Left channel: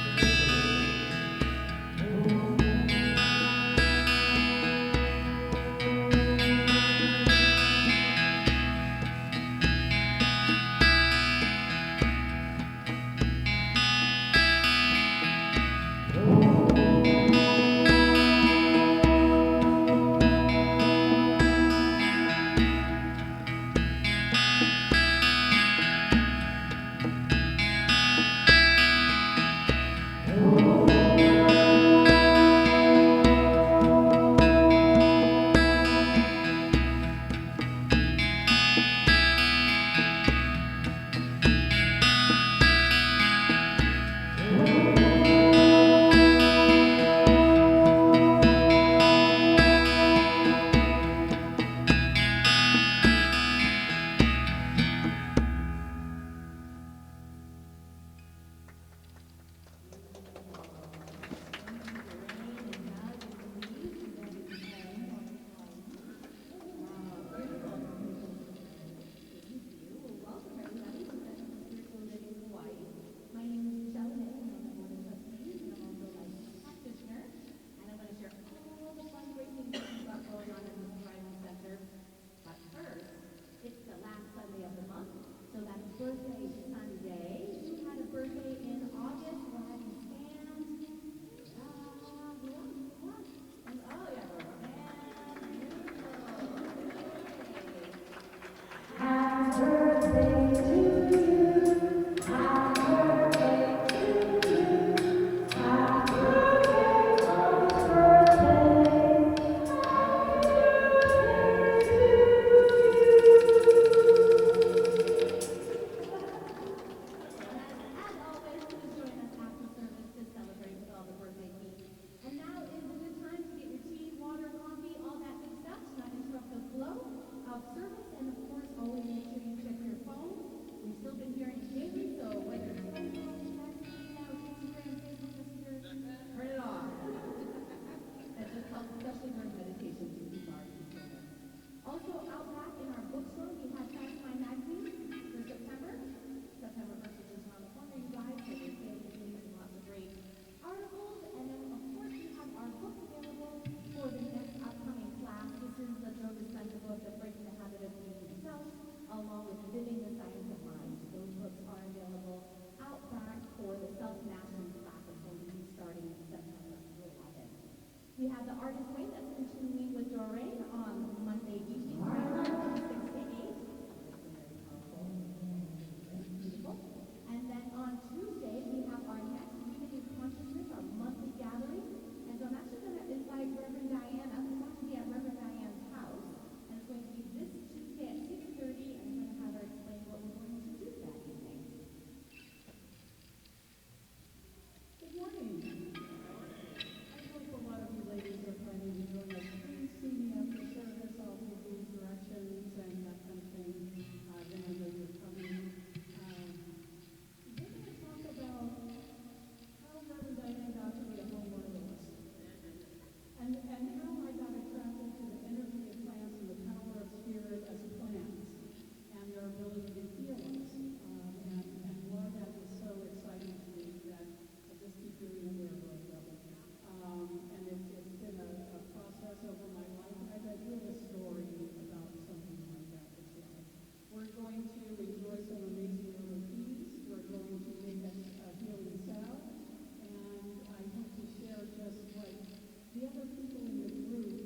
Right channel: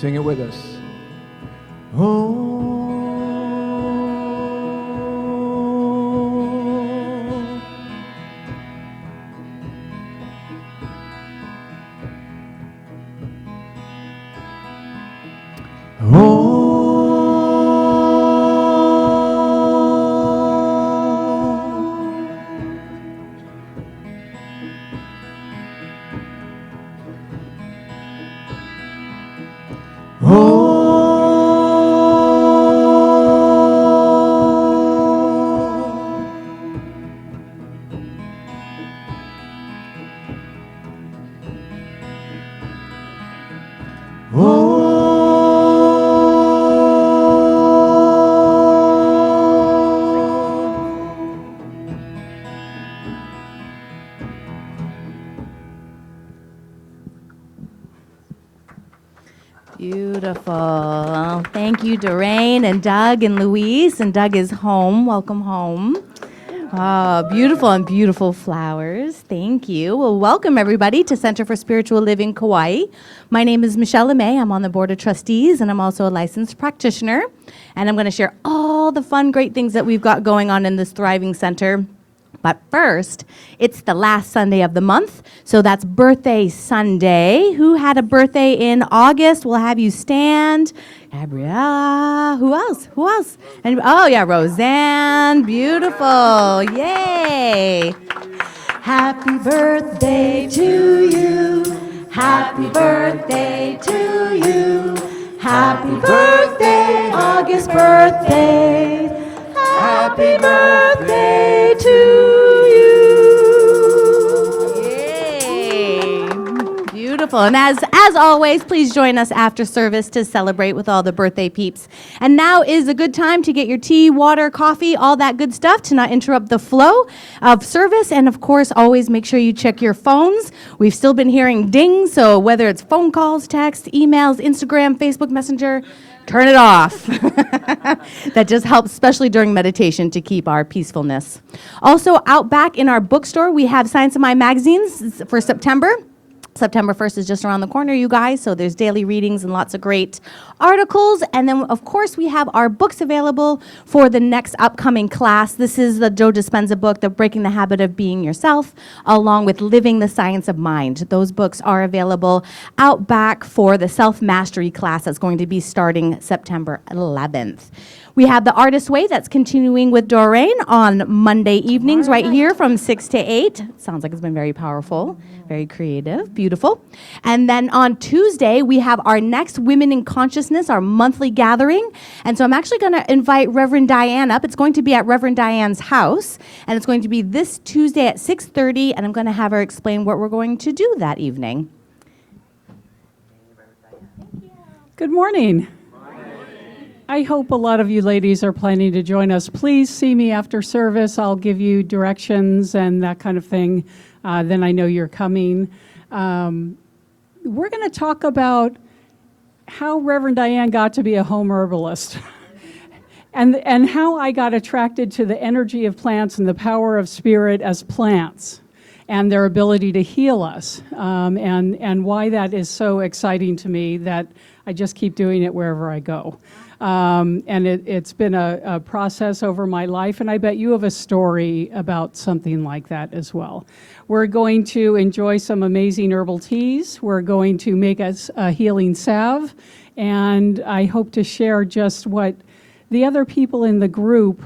Sing it with us. Beautiful. Thank you, Doreen and Doug and Louise. And Doug is home. Welcome home. Beautiful and beautiful flowers. Thank you. Well, welcome everybody to Center for Spiritual Living Kauai. My name is Michelle LeMay. I'm on the Board of Trustees and I'm also a licensed practitioner. And I'm going to share all the fun, great things that we've got going on in this thriving center But first, it's the last Sunday of the month, so that's Birthday Sunday. Who had a birthday in August? We'll have you stand. Gabriella. Who else? Who else? And, oh, yeah, Roseanne. Beautiful. Yay. Happy birthday to you. Happy birthday to you. Happy birthday, August birthday. Happy birthday to you. Yay. Beautiful. And as always, please join us after service to celebrate with all the birthday peeps. And now is a good time to get your tea, water, coffee, all that good stuff to not interrupt the flow of service. And of course, always make sure you check your phones. We've still been hearing dings, so whether it's phone calls, texts, emails, Instagram, Facebook Messenger, turn it off. That just helps, especially during meditation, to keep our peacefulness. Also, out back in our bookstore, we have Science of Mind magazines for September. September 1st is just around the corner, you guys, so there's daily readings and lots of great articles. And then, of course, we have our books available for the next upcoming class. This is the Joe Dispenza book, The Breaking the Habit of Being Yourself, along with Living the Science of Mind. Those books are available out back for the self-mastery class that's going to be starting September 11th. We have the Artist Way that's continuing with Doreen on Monday evenings right here from 6 to 8. Sounds like it's been very powerful, very creative, beautiful. And then on Tuesday, we have our next Women in Consciousness, our monthly gathering. And so I'm actually going to invite Reverend Diane up. It's going to be at Reverend Diane's house, and it's going to be this Tuesday at 6:30, and I'm going to have her explain what we're going to do that evening. Good morning. I hope a lot of you ladies are planning to join us. Please see me after service. I'll give you directions and that kind of thing. Then I know you're coming. We're going to talk about how Reverend Diane got to be a home herbalist and how I got attracted to the energy of plants and the power of spirit as plants and their ability to heal us, and why that is so exciting to me that I just keep doing it wherever I go. And it's been a process over my life, and I bet you have a story about something like that as well. We're going to enjoy some amazing herbal teas. We're going to make us a healing salve, and I hope to share just what the other people in the group,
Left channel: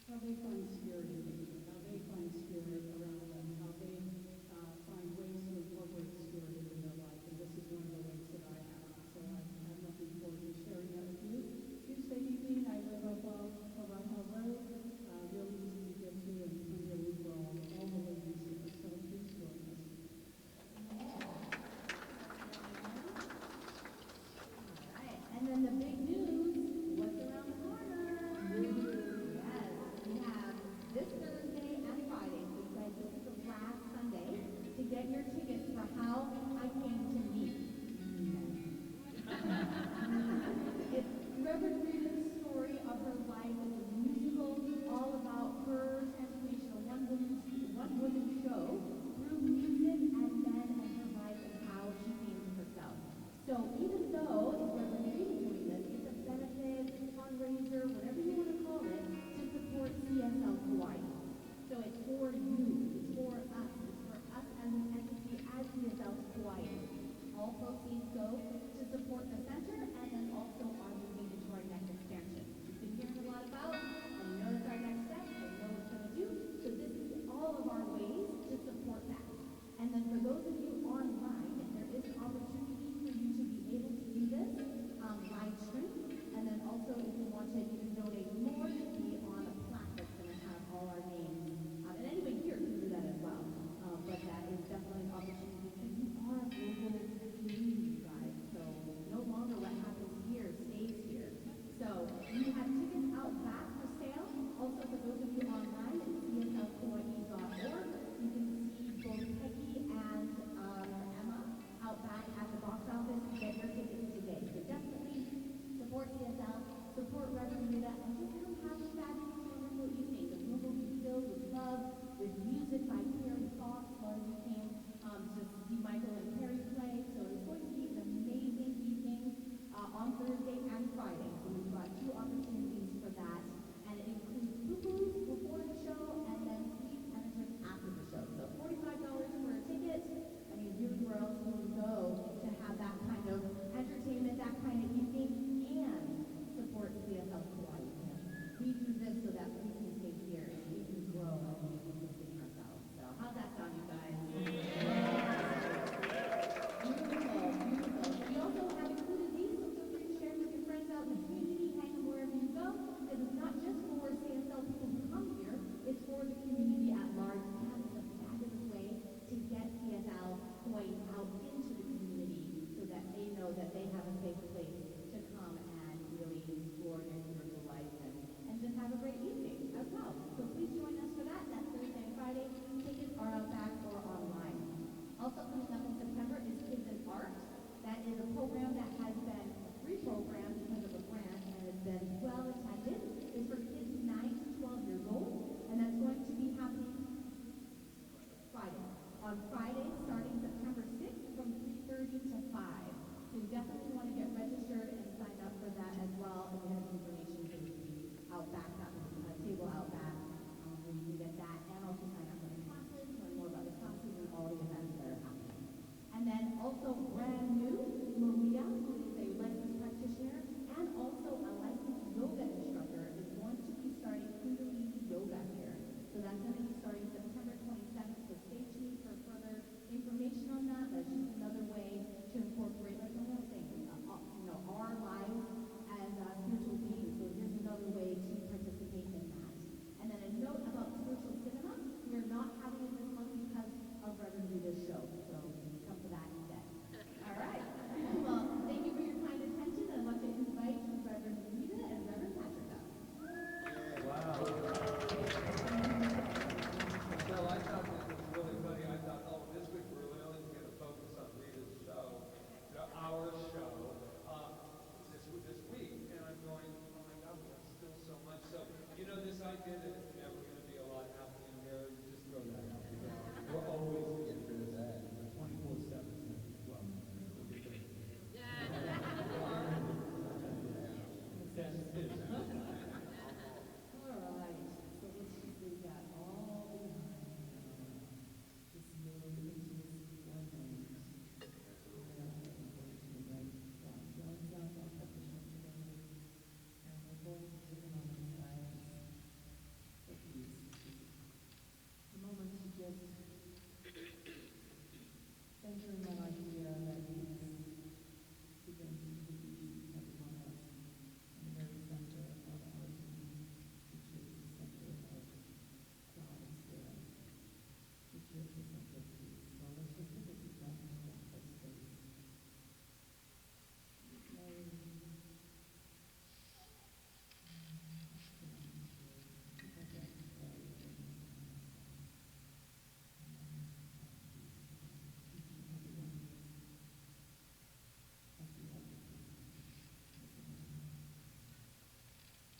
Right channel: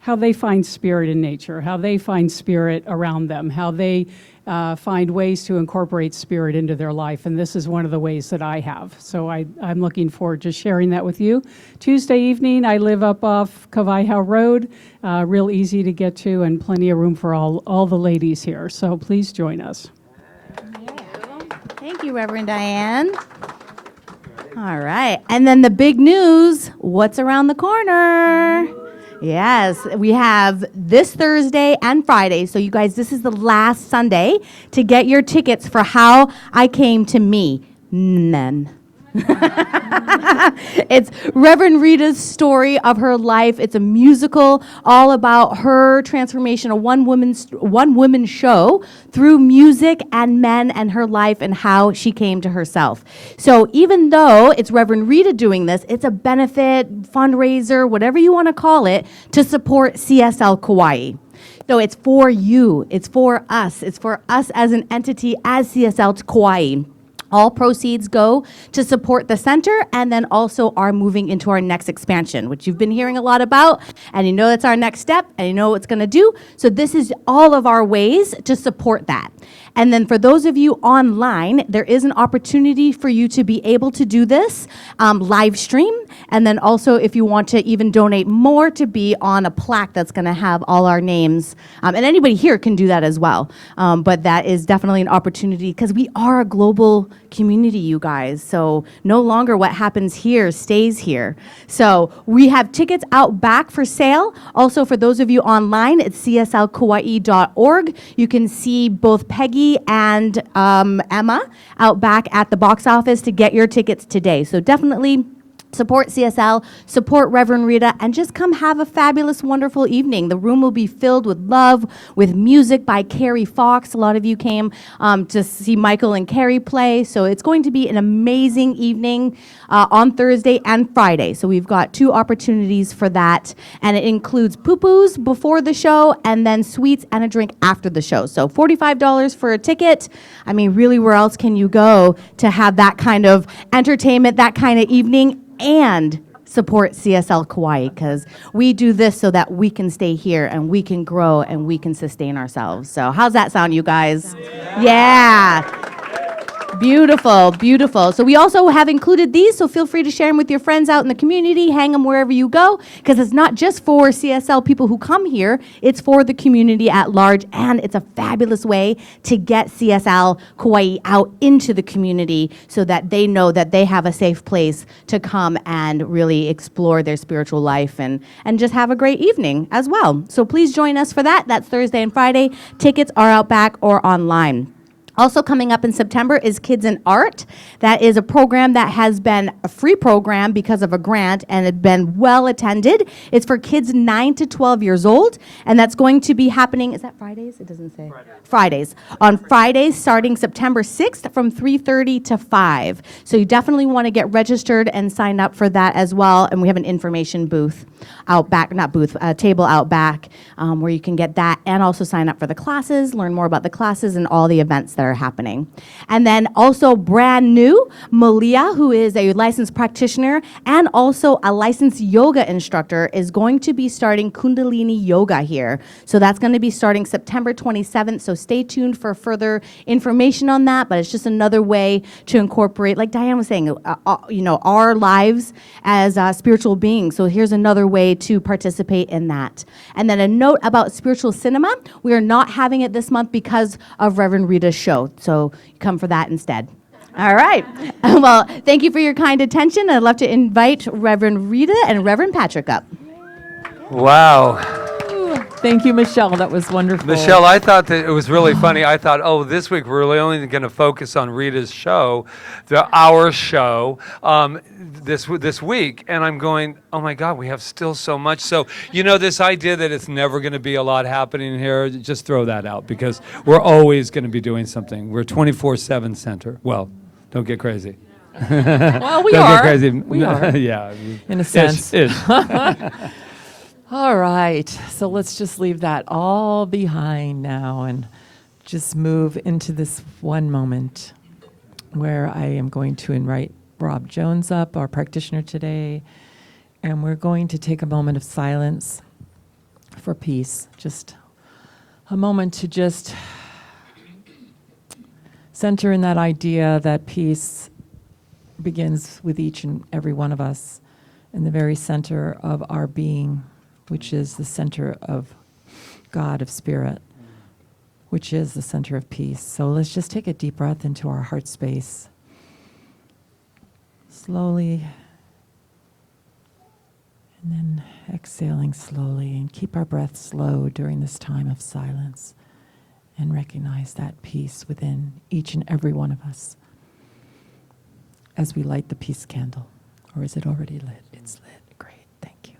how they find spirit in nature, how they find spirit around them, how they find ways to incorporate spirit into their life, and this is one of the ways that I have. So I'm looking forward to sharing that with you. Tuesday evening, I live up off Kaua'i Road, real easy to get to, and plenty of room for all the ladies here. So please join us. Thank you, Reverend Diane. All right, and then the big news, what's around the corner? Yes, we have this Thursday and Friday. So you guys, this is the last Sunday to get your tickets for How I Came to Me. None. It's Reverend Rita's story of her life. It's a musical all about her transformation, a one-woman show through music and men and her life and how she came to herself. So even though it's Reverend Rita doing this, it's a benefit, fundraiser, whatever you want to call it, to support CSL Kauai. So it's for you. It's for us. It's for us as an entity, as CSL Kauai. All proceeds go to support the center and then also are moving into our next expansion, which you've been hearing a lot about, and you know that's our next step, and you know what it's going to do. So this is all of our ways to support that. And then for those of you online, there is an opportunity for you to be able to do this live stream. And then also if you want to even donate more, to be on a plaque that's going to have all our names. And anybody here can do that as well. But that is definitely an opportunity because we are a global community, you guys. So no longer what happens here stays here. So we have tickets out back for sale. Also for those of you online, it's cslkauai.org. You can see both Peggy and Emma out back at the box office to get your tickets today. So definitely Support CSL, support Reverend Rita, and just come have a fabulous, wonderful evening. The room will be filled with love, with music by Carrie Fox. A lot of you came to see Michael and Carrie play, so it's going to be an amazing evening on Thursday and Friday. So we've got 2 opportunities for that, and it includes poo-poos before the show and then sweets and a drink after the show. So $45 for a ticket. I mean, really, where else can you go to have that kind of entertainment, that kind of evening, and support CSL Kauai, because we do this so that we can stay here and we can grow and we can sustain ourselves. So how's that sound, you guys? Yeah. Beautiful, beautiful. So we also have included these, so feel free to share them with your friends out in the community, hang them wherever you go, because it's not just for CSL people who come here, it's for the community at large, and it's a fabulous way to get CSL Kauai out into the community so that they know that they have a safe place to come and really explore their spiritual life and just have a great evening as well. So please join us for that. That's Thursday and Friday. Tickets are out back or online. Also coming up in September is Kids in Art. That is a program that has been a free program because of a grant and had been well attended. It's for kids 9 to 12 years old, and that's going to be happening, is that Fridays? It doesn't say. Fridays. On Fridays starting September 6th from 3:30 to 5. So you definitely want to get registered and sign up for that as well. And we have an information booth out back, not booth, table out back where you can get that and also sign up for the classes, learn more about the classes and all the events that are happening. And then also brand new, Malia, who is a licensed practitioner and also a licensed yoga instructor, is going to be starting Kundalini Yoga here. So that's going to be starting September 27th. So stay tuned for further information on that. But it's just another way to incorporate, like Diane was saying, our lives as spiritual beings. So here's another way to participate in that. And then a note about spiritual cinema. We are not having it this month because of Reverend Rita's show. So come for that instead. All right. Well, thank you for your kind attention. I'd love to invite Reverend Rita and Reverend Patrick up. Wow. Thank you, Michelle. That was wonderful. Michelle, I thought that it was really funny. I thought, this week we're really only going to focus on Rita's show, our show, this week. And I'm going, oh my God, we have still so much. So, this idea that it's never going to be a lot happening here, just throw that out because we're always going to be doing something. We're 24/7 center. Well, don't get crazy. Well, we don't are. Get crazy. We are. Yeah. In a sense. Ish. All right. So let's just leave that all behind now and just move into this one moment where I am going to invite Rob Jones up, our practitioner today, and we're going to take a moment of silence for peace. Just a moment to just center in that idea that peace begins with each and every one of us in the very center of our being, which is the center of God, of Spirit, which is the center of peace. So let's just take a deep breath into our heart space. Slowly, and then exhaling slowly, and keep our breath slow during this time of silence, and recognize that peace within each and every one of us as we light the peace candle. Or is it already lit? It's lit. Great. Thank you.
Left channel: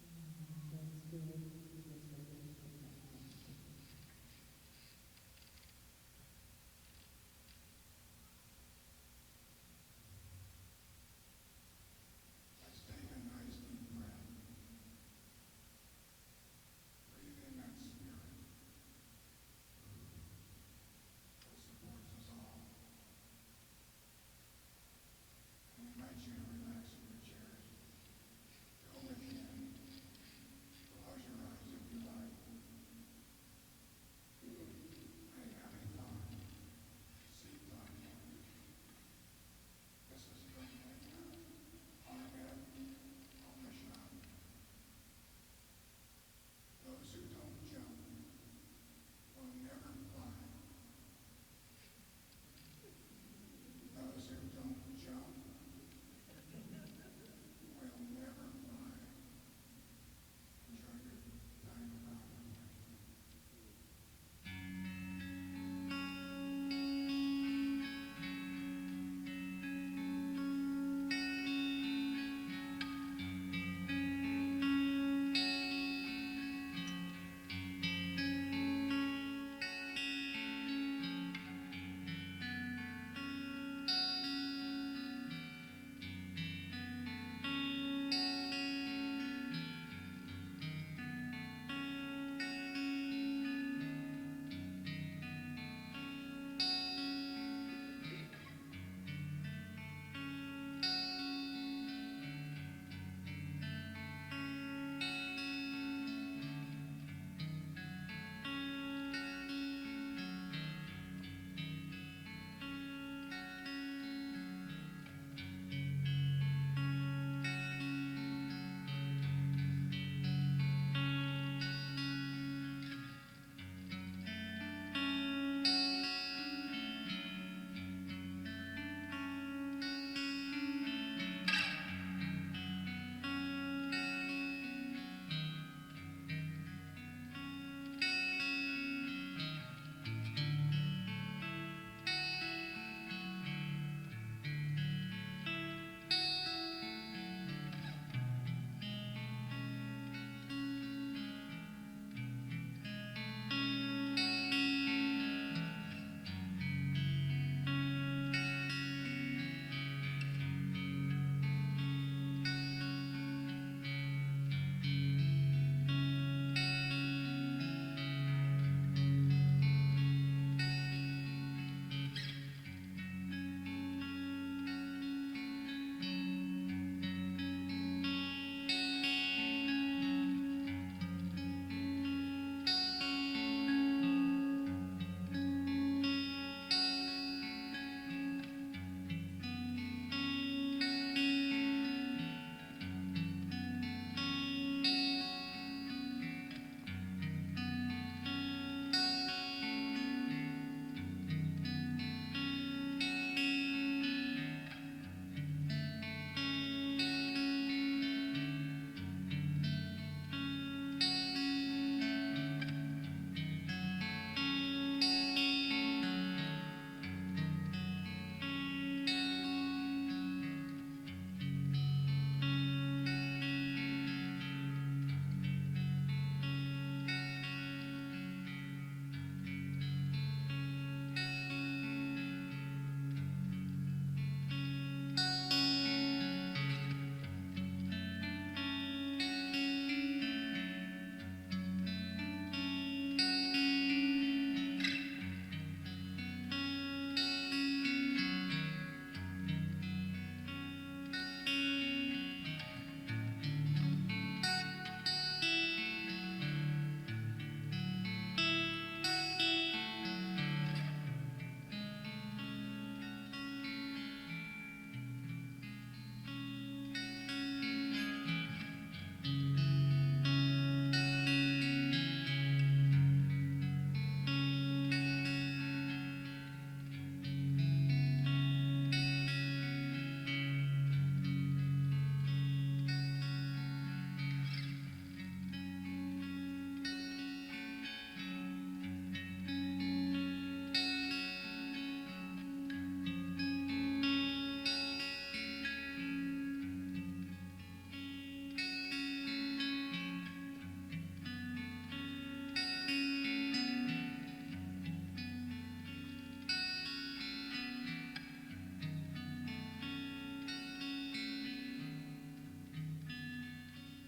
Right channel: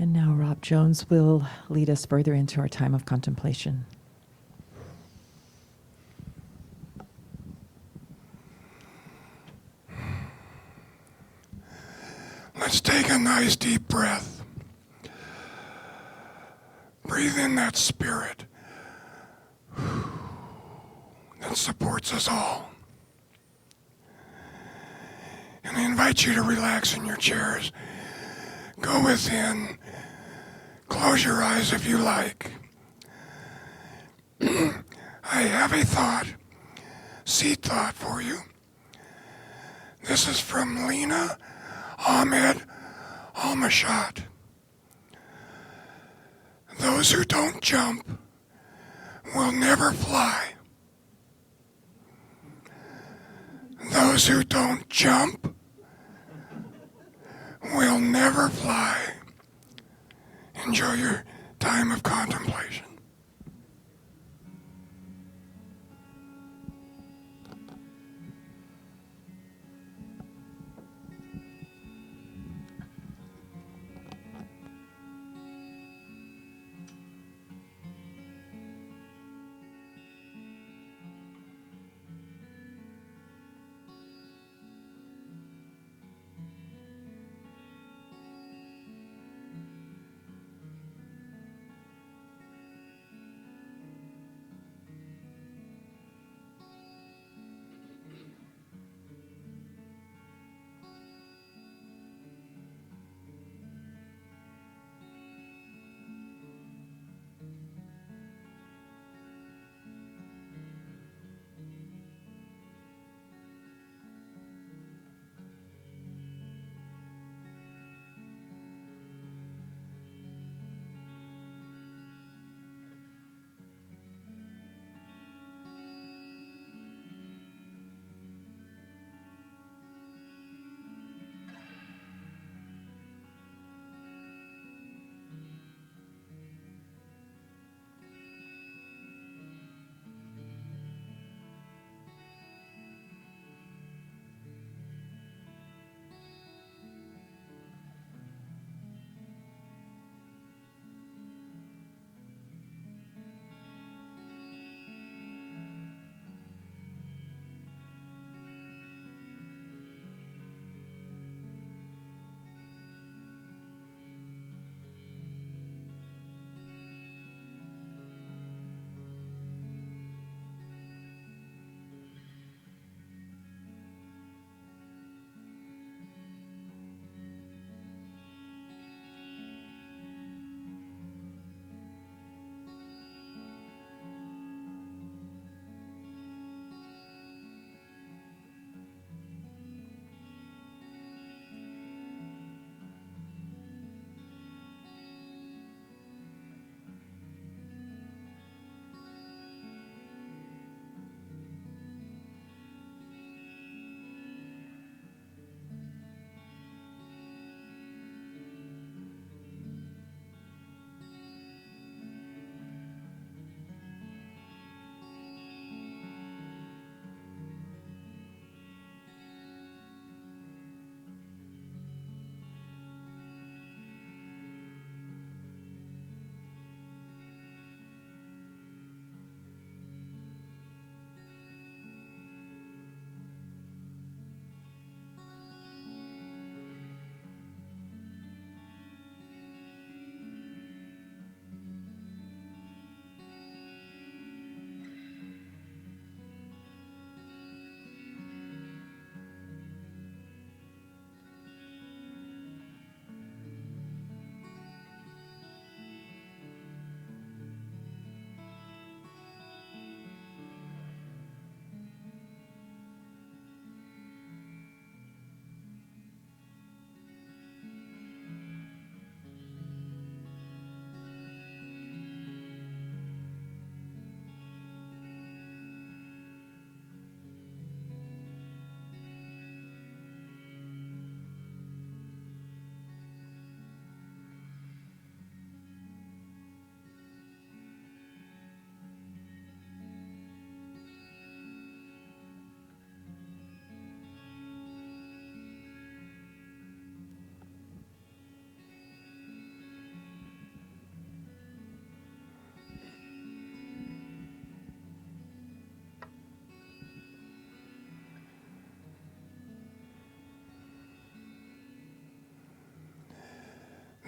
And now Rob Jones will lead us further into our time of contemplation. Let's take a nice deep breath. Breathe in that spirit that supports us all. And I invite you to relax in your chairs. Go within. Close your eyes if you like. I have a thought, seed thought for you. This is from Lena Ahmed Almashat. Those who don't jump will never fly. Those who don't jump will never fly. Enjoy your time of contemplation.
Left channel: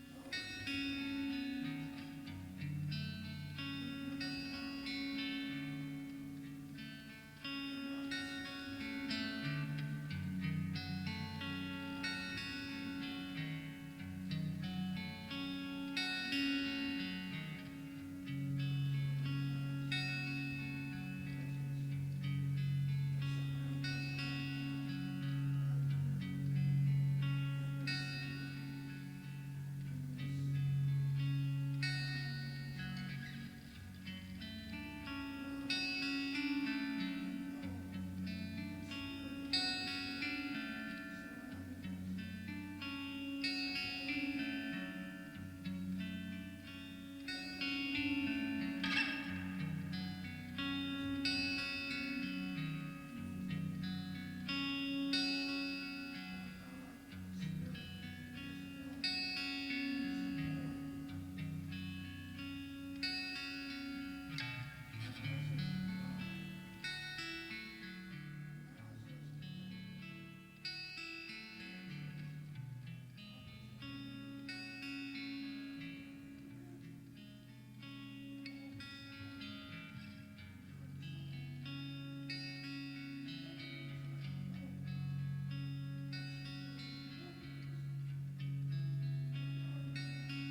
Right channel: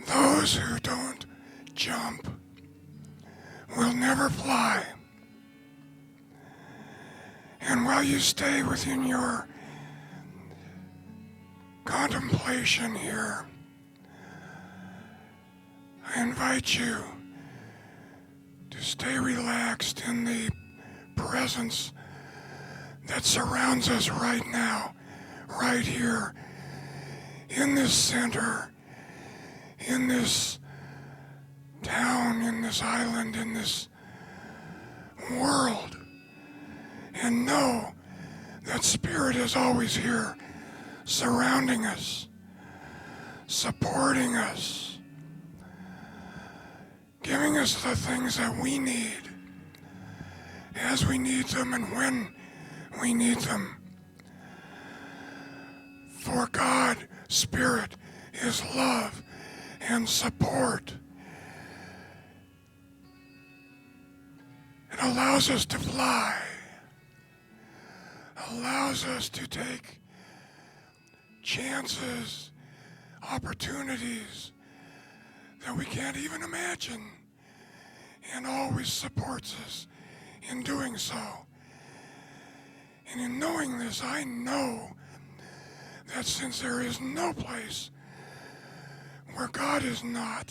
Those who don't jump will never fly. And while you stay within your contemplation here, I invite you to stay relaxed in the presence that surrounds us right now, right here, in this center, in this town, in this island, in this world. And know that Spirit is always here, surrounding us, supporting us, giving us the things that we need as we need them and when we need them. For God, Spirit, is love and support. It allows us to fly, allows us to take chances, opportunities that we can't even imagine, and always supports us in doing so. And in knowing this, I know that since there is no place where God is not,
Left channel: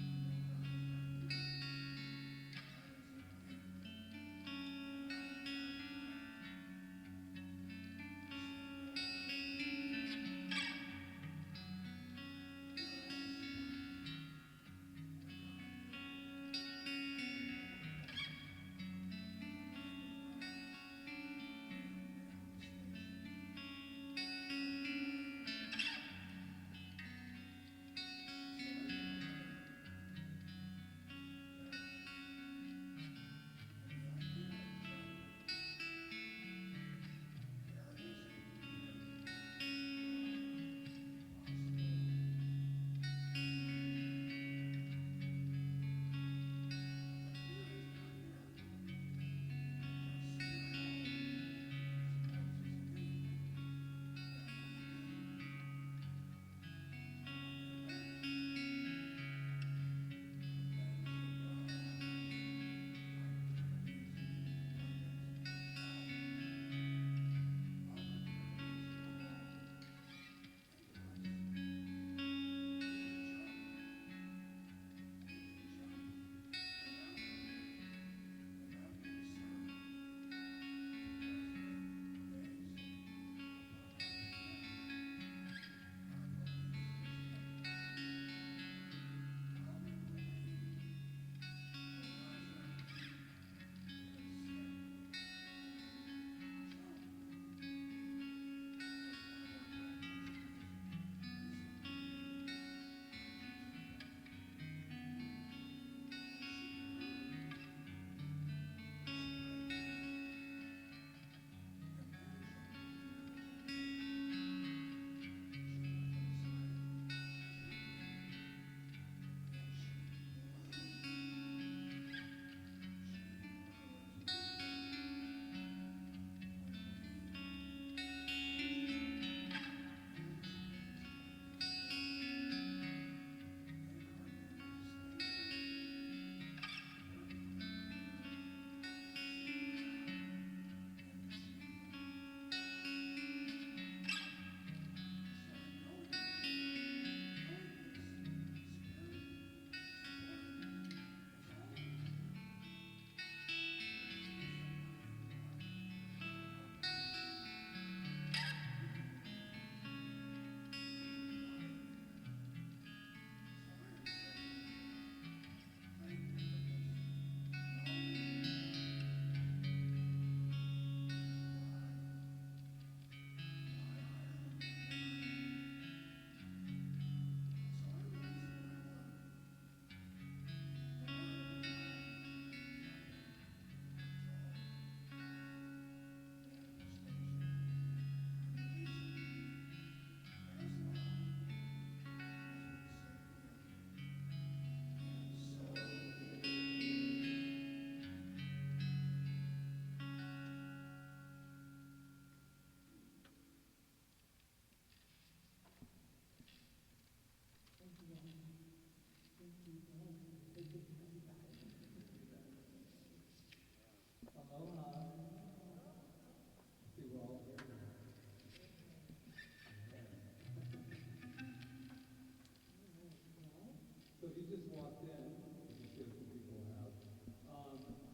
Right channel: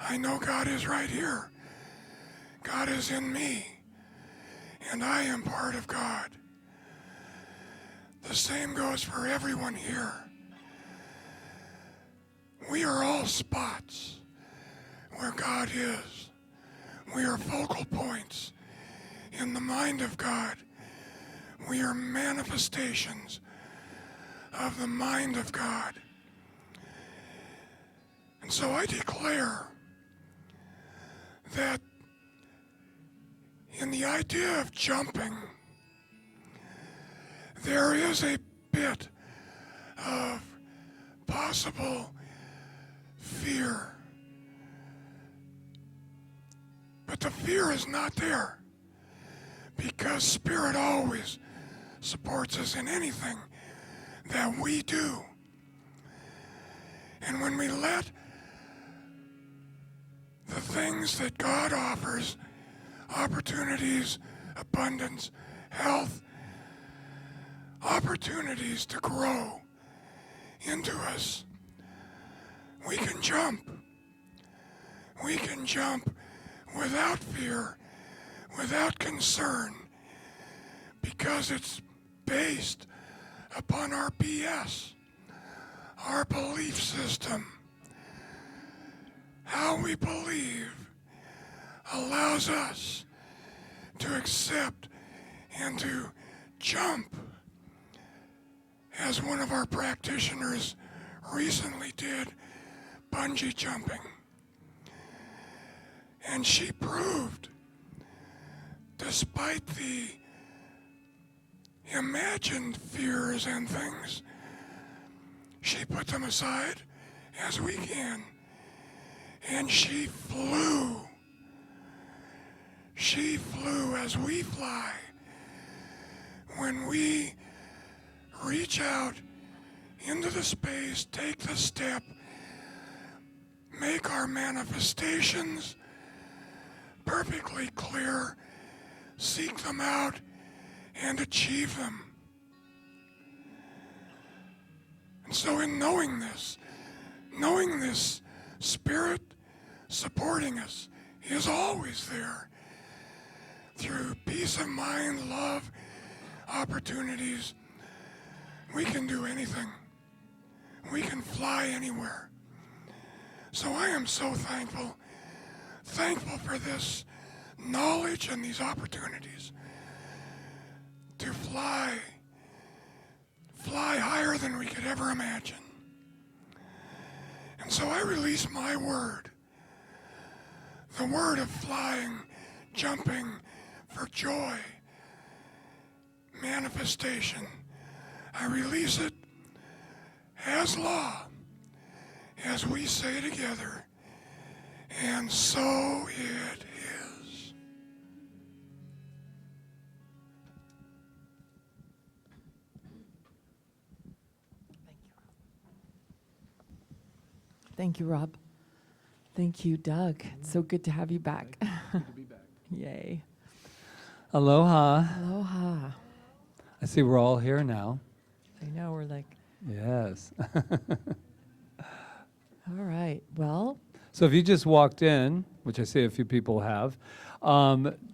I know God is right here. God is in me, and I am part of God. The same goes for everyone here. We are all spots where God is. We are focal points in the mind of God. We are manifestations of the mind of God. And so I declare that in the idea of jumping, there is a bit of possible fear. But the fear is not there, because Spirit always supports us in anything that we do. And when we let the things that God offers, opportunities, abundance, health, opportunities to grow into us, we can jump. We can jump without fear, without concern, because it's based upon our BS, our belief system. How we believe allows us to accept and to jump. As one of our practitioners recently did, bungee jumping. And she proved, despite the imagined fears and things, she put them aside as we can. And she flew. She flew as we fly. When we reach out into the space, take the step, make our manifestations perfectly clear, seek them out, and achieve them. And so in knowing this, Spirit supporting us is always there through peace of mind, love, opportunities. We can do anything. We can fly anywhere. So I am so thankful for this knowledge and these opportunities to fly higher than we could ever imagine. And so I release my word, the word of flying, jumping for joy, manifestation. I release it as law, as we say together, and so it is. Thank you, Rob. Thank you, Doug. It's so good to have you back. Yay. Aloha. Aloha. I see we're all here now. I know, we're like, Yes. all right, well, So if you just walked in, which I see a few people have,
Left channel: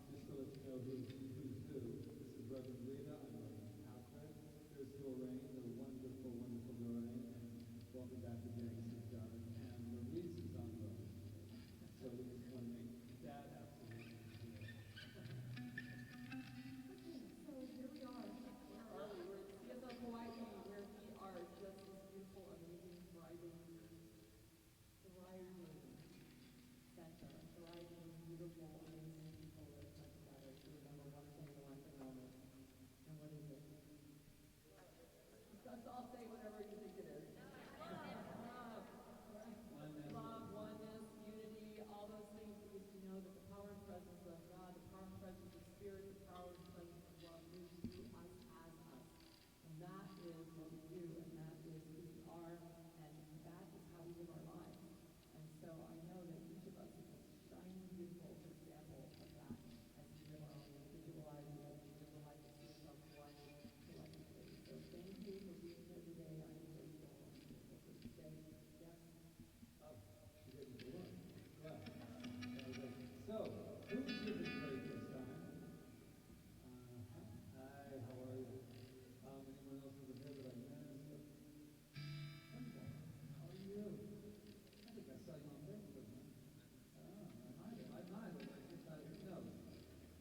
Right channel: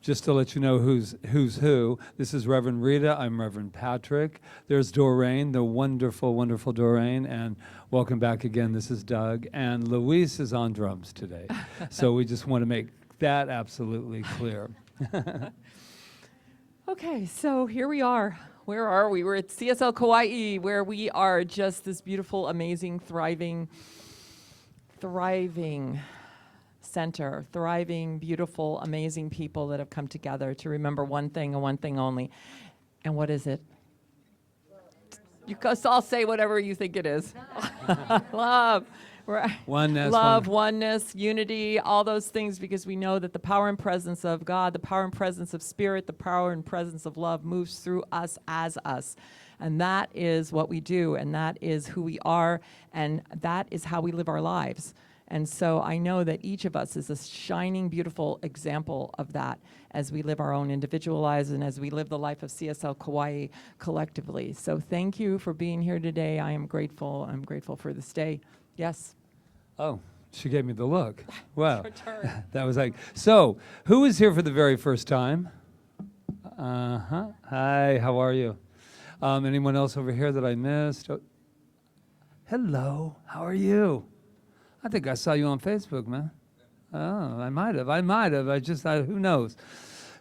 just to let you know who's who, this is Reverend Rita, I'm Reverend Patrick. There's Doreen, the wonderful, wonderful Doreen, and welcome back again, this is Doug. And Luis is on drums today. So we just want to make that absolutely clear. okay, so here we are. Where are we? We're at CSL Kauai, where we are just this beautiful, amazing, thriving center, thriving, beautiful, amazing people that have come together to remember one thing and one thing only. And what is it? You guys all say whatever you think it is. Love. Oneness. Love, oneness, unity, all those things, because we know that the power and presence of God, the power and presence of Spirit, the power and presence of love moves through us as us. And that is what we do, and that is who we are, and that is how we live our lives. And so I know that each of us is a shining, beautiful example of that as we live our own individual lives and as we live the life of CSL Kauai collectively. So thank you for being here today. I am grateful. I'm grateful for this day. Yes? Oh, she gave me the look. Wow. Your turn. That was like, so who is here for the very first time? Uh-huh. Hi, how are you? Anyone else over here that I missed? Oh. Hello, how are you? I think I saw you on Facebook, man. Oh, I might have. Who knows?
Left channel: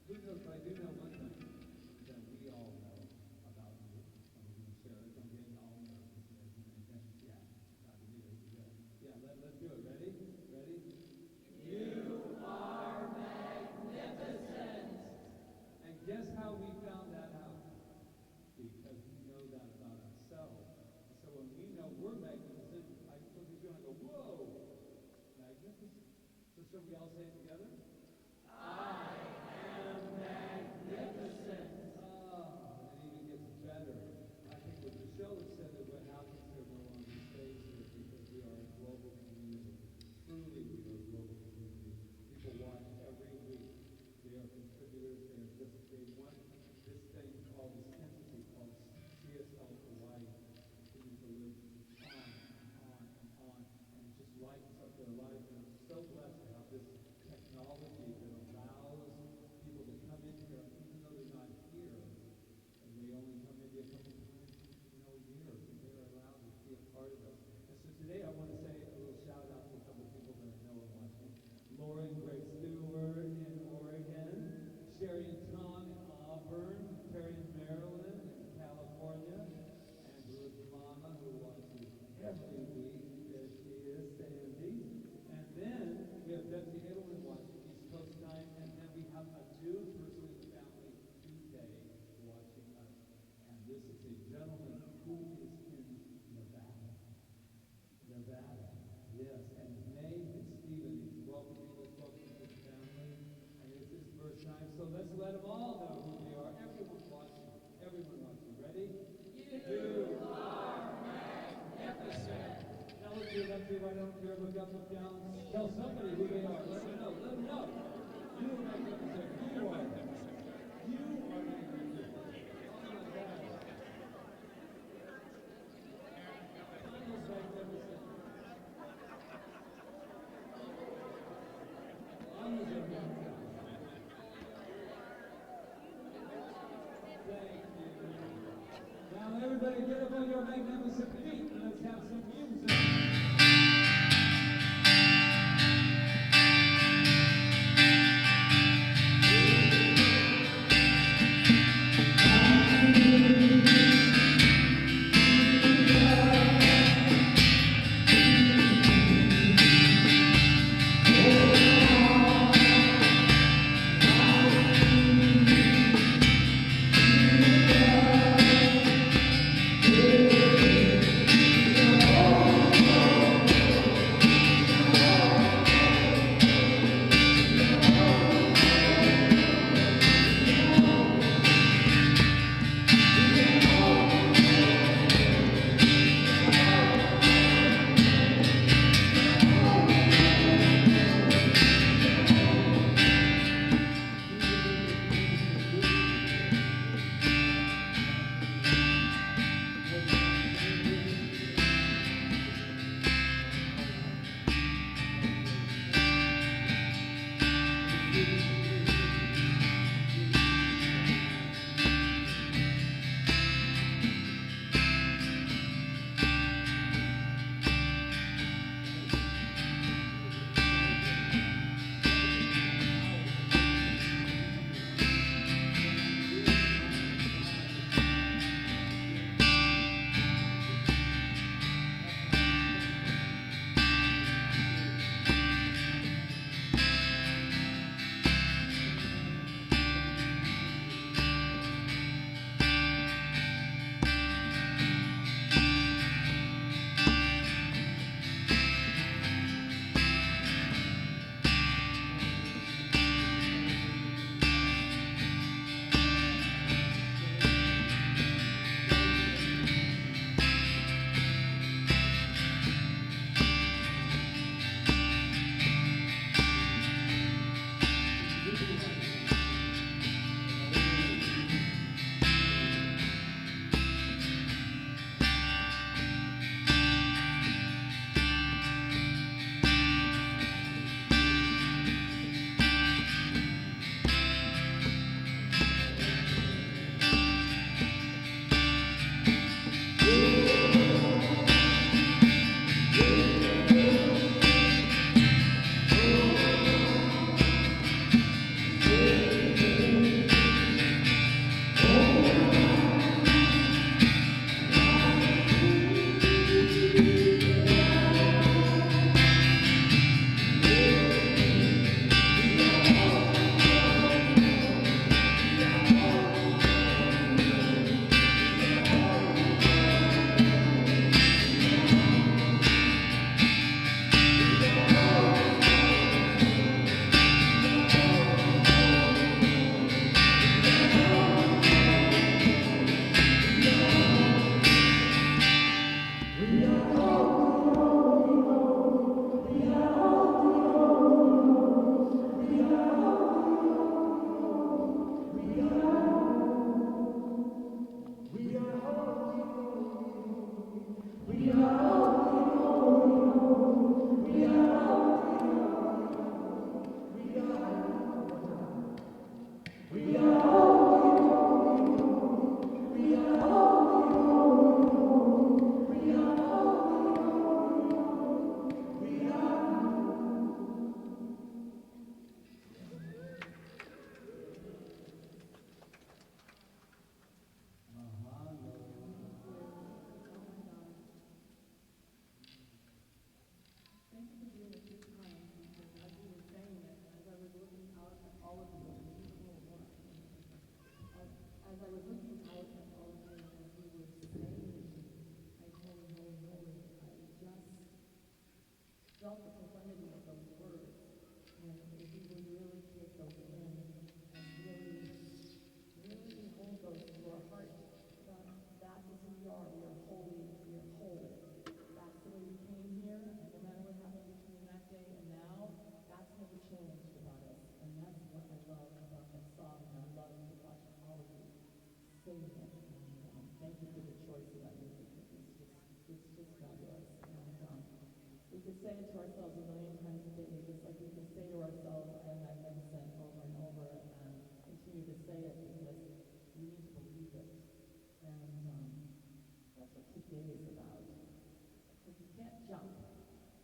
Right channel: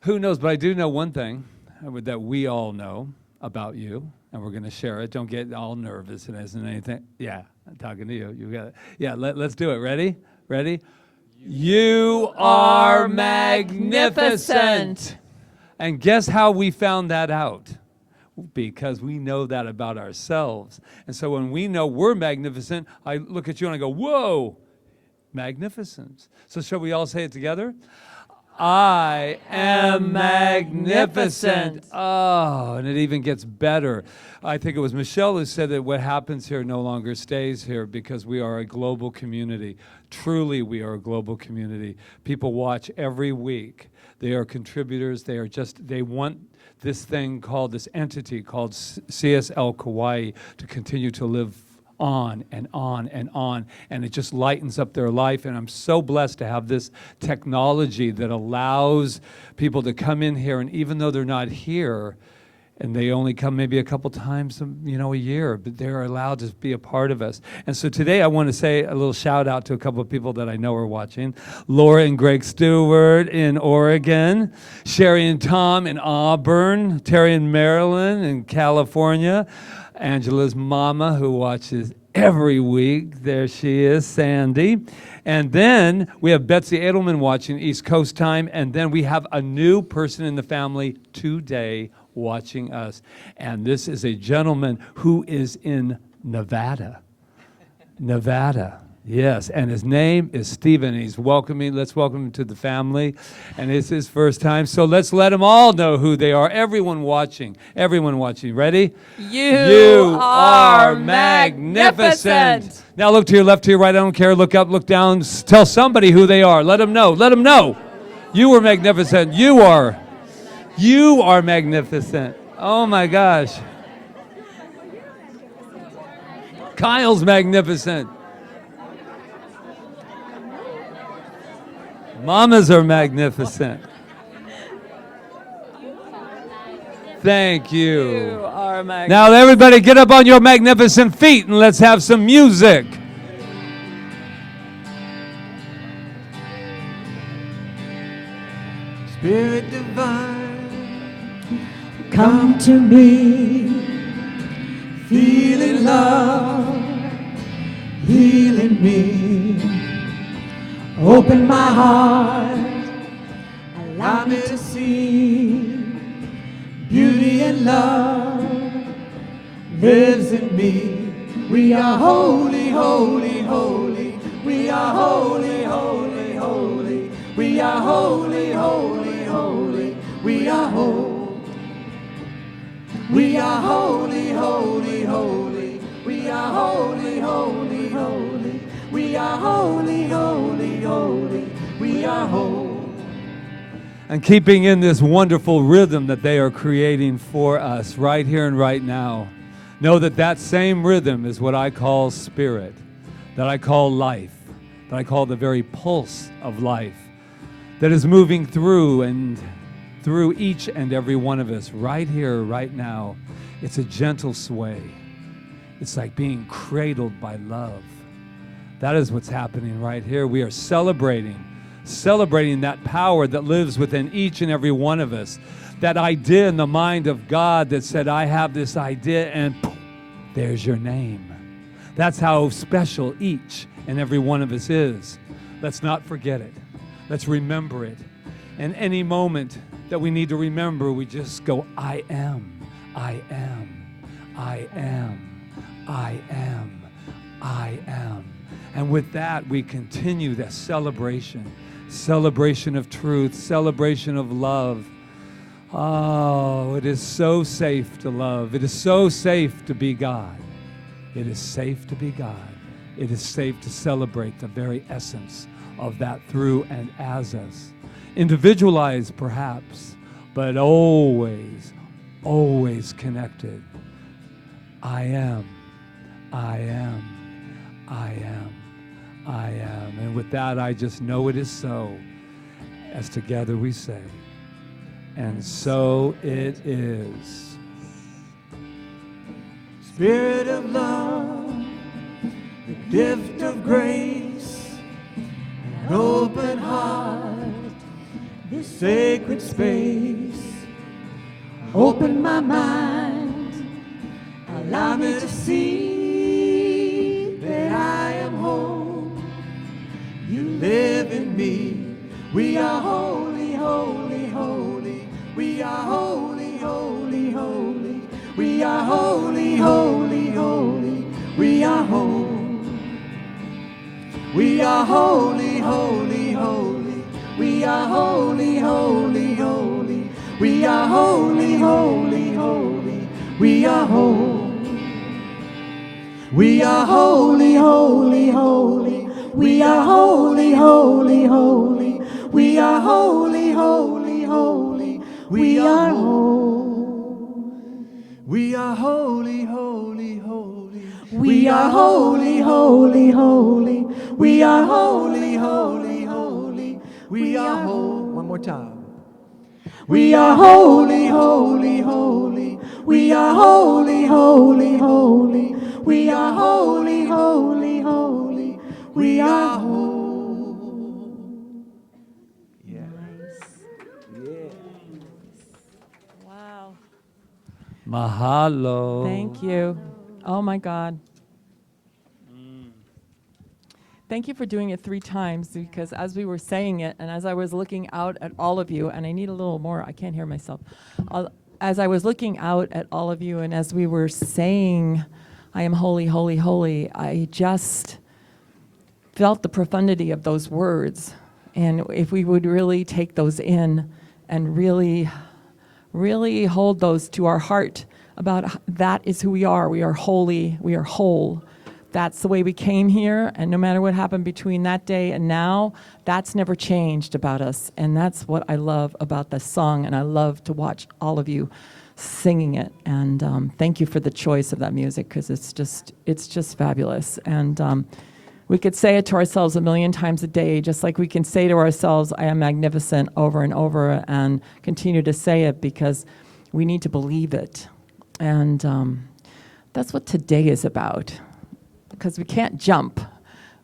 Who knows? But I do know one thing that we all know about you, and we're going to share it. Don't get all nervous. It isn't anything. Yeah, I'm talking to you. You got it. Yeah, let's do it. Ready? Ready? You are magnificent. And guess how we found that out? Because we know that about ourselves. And so when we know we're magnificent, I look at you and I go, whoa, magnificence. So shall we all say it together? I am magnificent. Oh, and it even gets better. I think it was Michelle who said that what happens here no longer stays here because we are a global community. Truly, we are a global community. People watch every week. They are contributors. They want this thing called, this entity called CSL Kauai to continue to live on and on and on, and it just lightens up their life. And I'm so blessed to have this technology that allows people to come in here, and even though they're not here, and they only come maybe a couple times, a year, but they're allowed to be a part of us. And so today I want to say a little shout out to a couple of people that I know are watching. Laura and Greg Stewart in Oregon, Sherry and Tom in Auburn, Terry in Maryland and California, Angela's mama who watches every week. There she is, Sandy. And then we have Betsy Edelman watching East Coast time. And then we have a new person in the family today watching us. And this is a gentleman who is in Nevada. Nevada. Yes, and his name is Stephen. Let's welcome him to the family, and it's his first time. So let's let them all know who they are. Everyone watching. Ready? You are magnificent. Now look to your left, to your right. I don't care. Look up, look down. Tell somebody who they are. Let them know. Let them know. You are magnificent. You are magnificent. Oh my gosh. Kyle's magnificent. Mamas are magnificent. Thank you. You are magnificent. Now everybody get up on your magnificent feet and let's have some music. Spirit divine, come to me, feeling love, healing me. Open my heart, allow me to see beauty and love lives in me. We are holy, holy, holy. We are holy, holy, holy. We are holy, holy, holy. We are holy. We are holy, holy, holy. We are holy, holy, holy. We are holy, holy, holy. We are holy. and keeping in this wonderful rhythm that they are creating for us right here and right now. Know that that same rhythm is what I call spirit, that I call life, that I call the very pulse of life, that is moving through each and every one of us right here, right now. It's a gentle sway. It's like being cradled by love. That is what's happening right here. We are celebrating that power that lives within each and every one of us. That idea in the mind of God that said, I have this idea, and there's your name. That's how special each and every one of us is. Let's not forget it. Let's remember it. And any moment that we need to remember, we just go, I am, I am, I am, I am, I am. And with that, we continue that celebration of truth, celebration of love. Oh, it is so safe to love. It is so safe to be God. It is safe to be God. It is safe to celebrate the very essence of that through and as us. Individualized, perhaps, but always, always connected. I am, I am, I am, I am. And with that, I just know it is so, as together we say, and so it is. Spirit of love, gift of grace, open heart, sacred space. Open my mind, allow me to see that I am whole. You live in me. We are holy, holy, holy. We are holy, holy, holy. We are holy, holy, holy. We are holy. We are holy, holy, holy. We are holy, holy, holy. We are holy, holy, holy. We are holy. We are holy, holy, holy. We are holy, holy, holy. We are holy, holy, holy. We are holy. We are holy, holy, holy. We are holy, holy, holy. We are holy, holy, holy. We are holy. One more time. We are holy, holy, holy. We are holy, holy, holy. We are holy, holy, holy. We are holy. Wow. Mahalo. Thank you. Oh my God. Thank you for doing it 3 times, because as we were saying it and as I was looking out at all of you, and I need a little more, I can't hear myself. As I was looking out at all of you and as we were saying, I am holy, holy, holy, I just felt the profundity of those words. And if we would really take those in and really, really hold those to our heart about that is who we are. We are holy, we are whole. That's the way we came here, and no matter what happened between that day and now, that's never changed about us. And that's what I love about this song, and I love to watch all of you singing it. And thank you for the choice of that music, because it's just fabulous. And we could say it to ourselves 1,000,000 times a day, just like we can say to ourselves, I am magnificent, over and over, and continue to say it because we need to believe it. And that's what today is about. Because we can't jump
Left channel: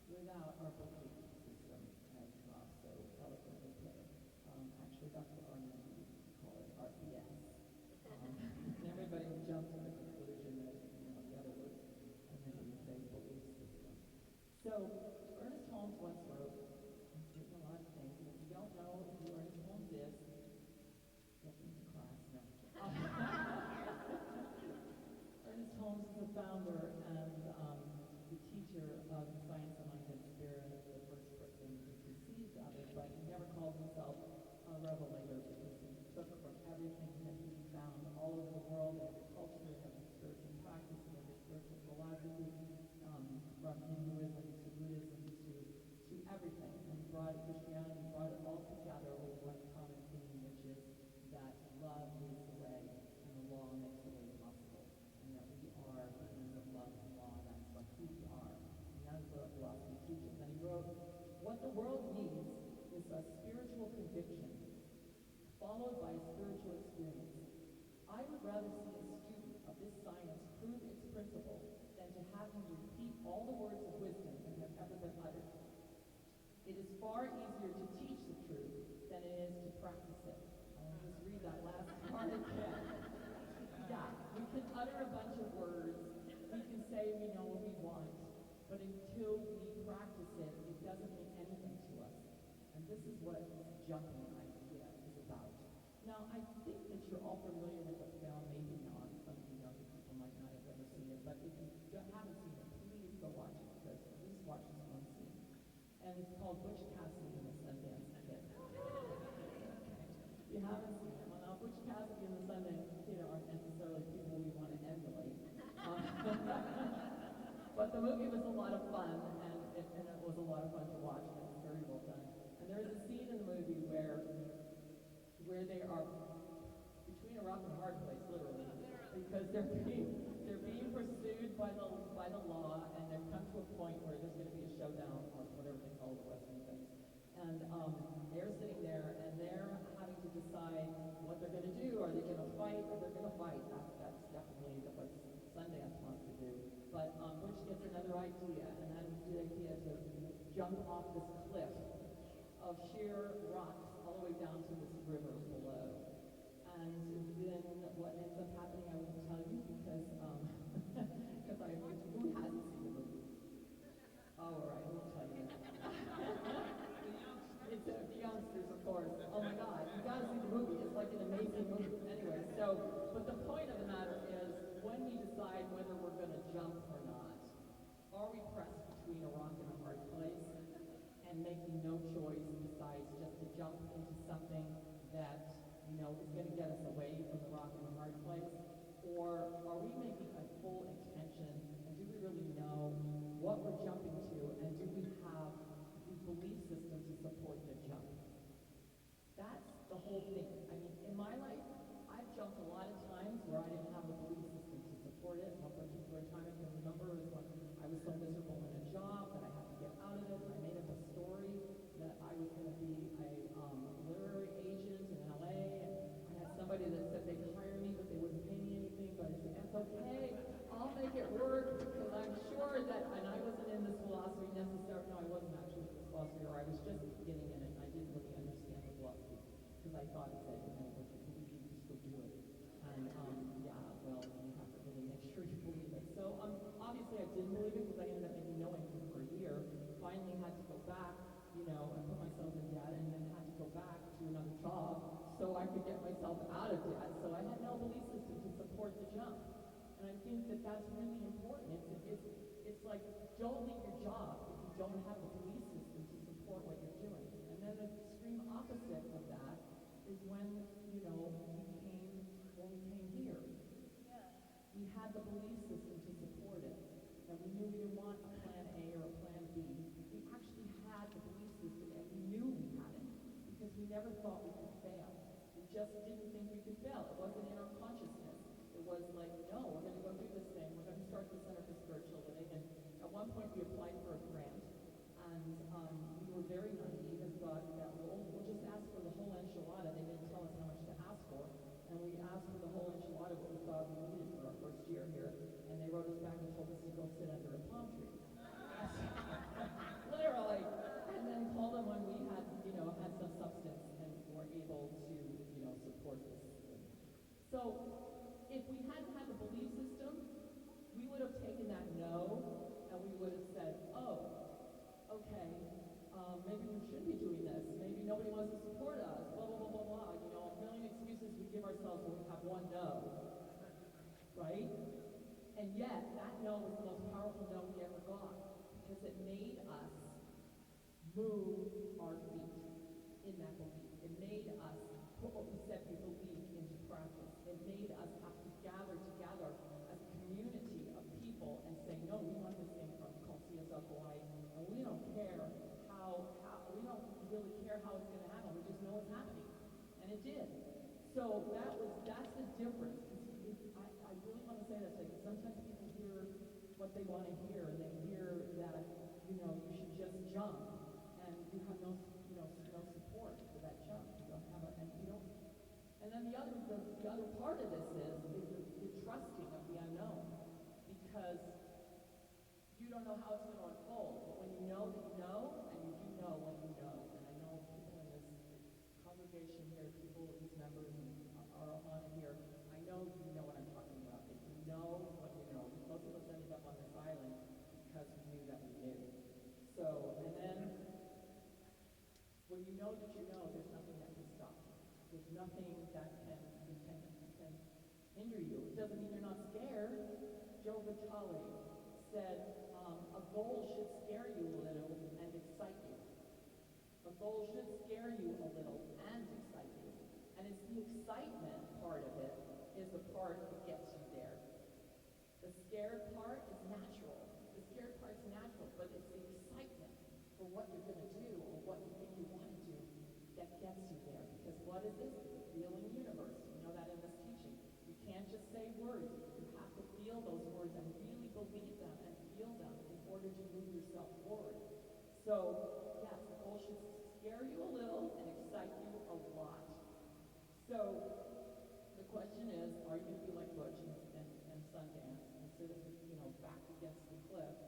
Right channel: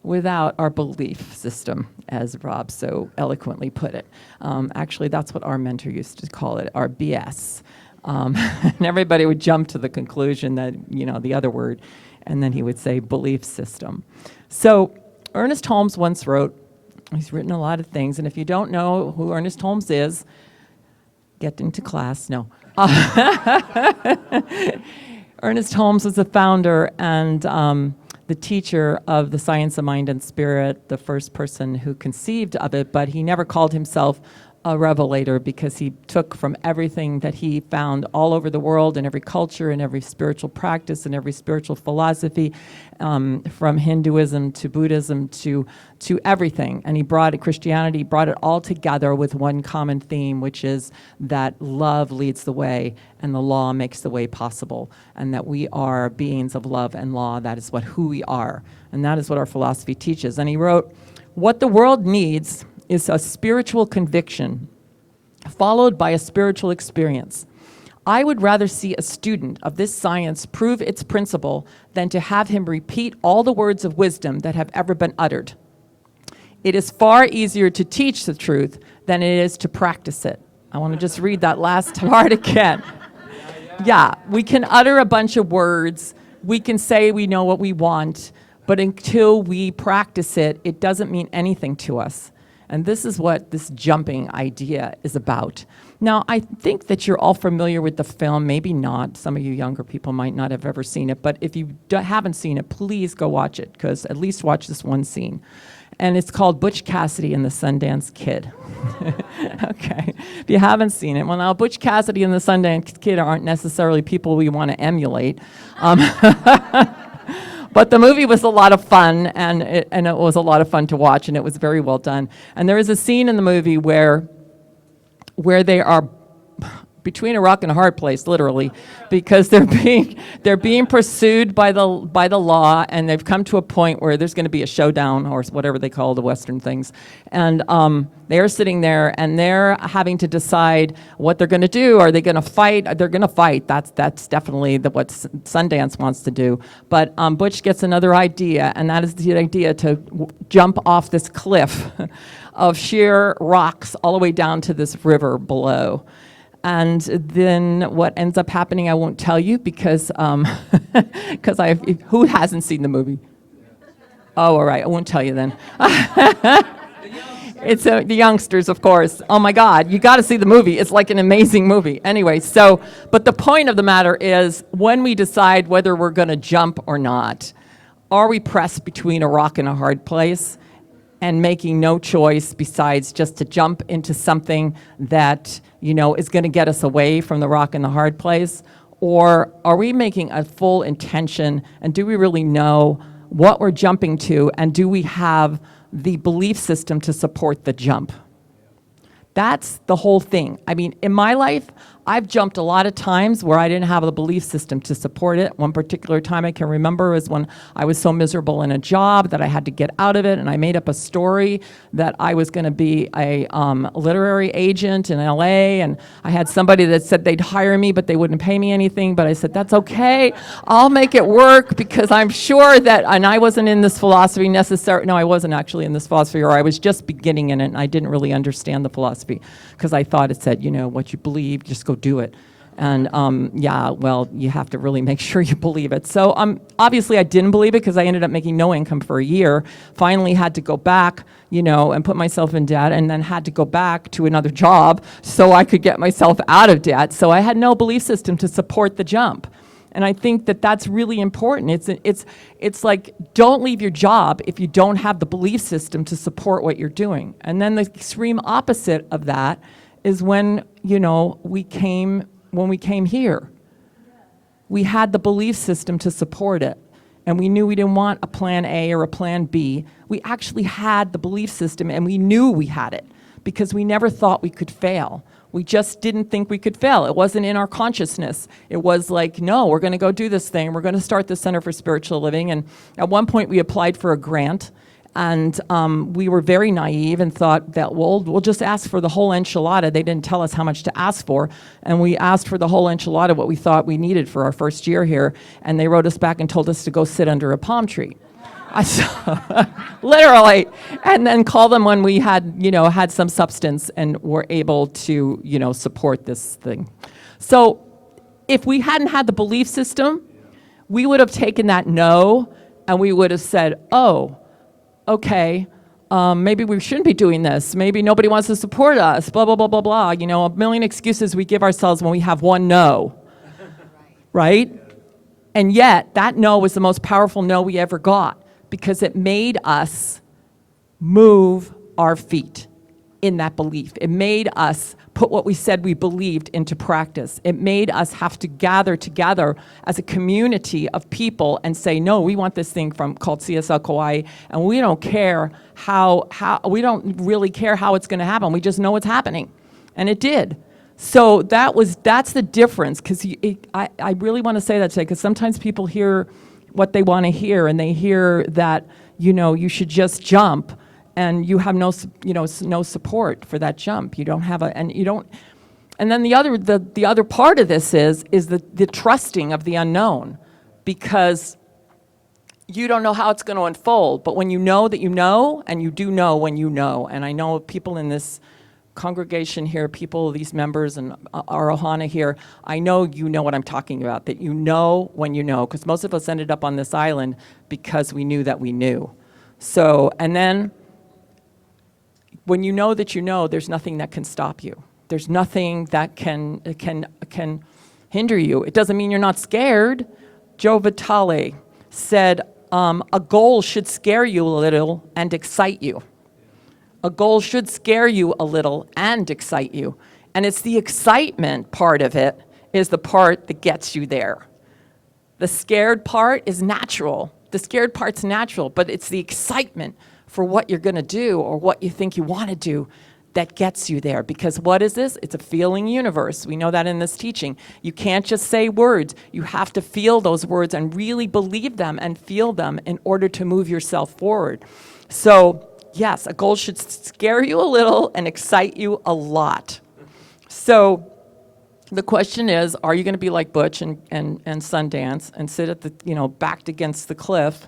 without our belief system, as Rob so eloquently put it. Actually, that's what our mentor used to call it, our BS. And everybody would jump to the conclusion that, the other word, and then he would say belief system. So Ernest Holmes once wrote, he's written a lot of things, and if you don't know who Ernest Holmes is, get into class. No. Ernest Holmes was the founder and the teacher of the science of mind and spirit, the first person who conceived of it, but he never called himself a revelator because he took from everything that he found all over the world in every culture and every spiritual practice and every spiritual philosophy, from Hinduism to Buddhism to everything. And he brought it, Christianity, brought it all together with one common theme, which is that love leads the way and the law makes the way possible, and that we are beings of love and law. That is who we are, and that is what our philosophy teaches. And he wrote, "What the world needs is a spiritual conviction followed by a spiritual experience. I would rather see a student of this science prove its principle than to have him repeat all the words of wisdom that have ever been uttered. It is far easier to teach the truth than it is to practice it." I want to just read that last part again. Yeah, we can utter a bunch of words. We can say we know what we want, but until we practice it, it doesn't mean anything to us. And this is what this jumping idea is about. Now, I think that you're all familiar with the film, maybe not. Some of you younger people might not have ever seen it, but if you haven't seen it, please go watch it, because at least watch this one scene. And it's called Butch Cassidy and the Sundance Kid. Okay, if you haven't seen it, well, now Butch Cassidy and the Sundance Kid aren't necessarily people we want to emulate. But the movie was a lot of fun, and it was a lot of fun to watch, and it was very well done. And there is a scene in the movie where they are between a rock and a hard place, literally, because they're being pursued by the law, and they've come to a point where there's going to be a showdown, or whatever they call the Western things. And they're sitting there, and they're having to decide what they're going to do. Are they going to fight? They're going to fight. That's definitely what Sundance wants to do. But Butch gets another idea, and that is the idea to jump off this cliff of sheer rocks all the way down to this river below. And then what ends up happening, I won't tell you, because who hasn't seen the movie? Oh, all right, I won't tell you then. It's the youngsters, of course. Oh my God, you got to see the movie. It's like an amazing movie. Anyway, but the point of the matter is, when we decide whether we're going to jump or not, are we pressed between a rock and a hard place and making no choice besides just to jump into something that, is going to get us away from the rock and the hard place? Or are we making a full intention, and do we really know what we're jumping to, and do we have the belief system to support the jump? That's the whole thing. I mean, in my life, I've jumped a lot of times where I didn't have the belief system to support it. One particular time I can remember is when I was so miserable in a job that I had to get out of it, and I made up a story that I was going to be a literary agent in LA, and I had somebody that said they'd hire me, but they wouldn't pay me anything, but I said, that's okay, I'll make it work, because I'm sure that, and I wasn't in this philosophy necessarily, no, I wasn't actually in this philosophy, or I was just beginning in it, and I didn't really understand the philosophy, because I thought it said, what you believe, just go do it. And you have to really make sure you believe it. So obviously I didn't believe it, because I ended up making no income for a year, finally had to go back, and put myself in debt, and then had to go back to another job so I could get myself out of debt. So I had no belief system to support the jump. And I think that that's really important. It's like, don't leave your job if you don't have the belief system to support what you're doing. And then the extreme opposite of that is when, we came here. We had the belief system to support it. And we knew we didn't want a plan A or a plan B. We actually had the belief system, and we knew we had it, because we never thought we could fail. We just didn't think we could fail. It wasn't in our consciousness. It was like, no, we're going to go do this thing. We're going to start the Center for Spiritual Living. And at one point, we applied for a grant. And we were very naive and thought that, we'll just ask for the whole enchilada. They didn't tell us how much to ask for. And we asked for the whole enchilada, what we thought we needed for our first year here. And they wrote us back and told us to go sit under a palm tree. Literally. And then call them when we had some substance and were able to, support this thing. So if we hadn't had the belief system, we would have taken that no, and we would have said, oh, okay, maybe we shouldn't be doing this. Maybe nobody wants to support us, blah, blah, blah, blah, blah. A million excuses we give ourselves when we have one no, right? And yet, that no was the most powerful no we ever got, because it made us move our feet. in that belief. It made us put what we said we believed into practice. It made us have to gather together as a community of people and say, no, we want this thing called CSL Kauai, and we don't care we don't really care how it's going to happen. We just know it's happening. And it did. So that's the difference, because I really want to say that today, because sometimes people hear what they want to hear, and they hear that, you should just jump, and you have no support for that jump. You don't have and then the other part of this is the trusting of the unknown, because you don't know how it's going to unfold. But when you know that you know, and you do know when you know, and I know people in this congregation here, these members and our Ohana here, I know you know what I'm talking about, that you know when you know, because most of us ended up on this island because we knew that we knew. So, and then when you know that you know, there's nothing that can stop you. There's nothing that can hinder you. It doesn't mean you're not scared. Joe Vitale said, a goal should scare you a little and excite you. A goal should scare you a little and excite you. And it's the excitement part of it is the part that gets you there. The scared part is natural. The scared part's natural, but it's the excitement for what you're going to do or what you think you want to do that gets you there. Because what is this? It's a feeling universe. We know that in this teaching. You can't just say words. You have to feel those words and really believe them and feel them in order to move yourself forward. So, yes, a goal should scare you a little and excite you a lot. So the question is, are you going to be like Butch and Sundance and sit at the, backed against the cliff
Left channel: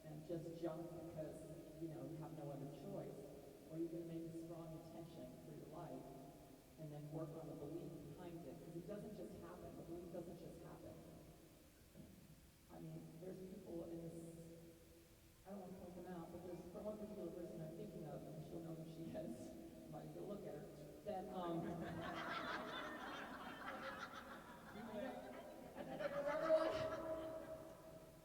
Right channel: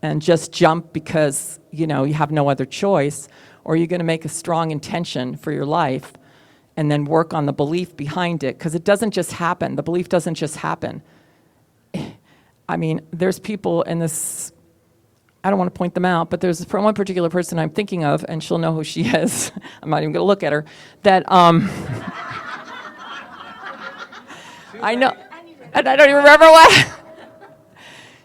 and just jump because, you have no other choice? Or are you going to make a strong intention for your life and then work on the belief behind it? Because it doesn't just happen. The belief doesn't just happen. I mean, there's people in this, I don't want to point them out, but there's from one particular person I'm thinking of, and she'll know who she is. I'm not even going to look at her. That I know, and I don't even remember what.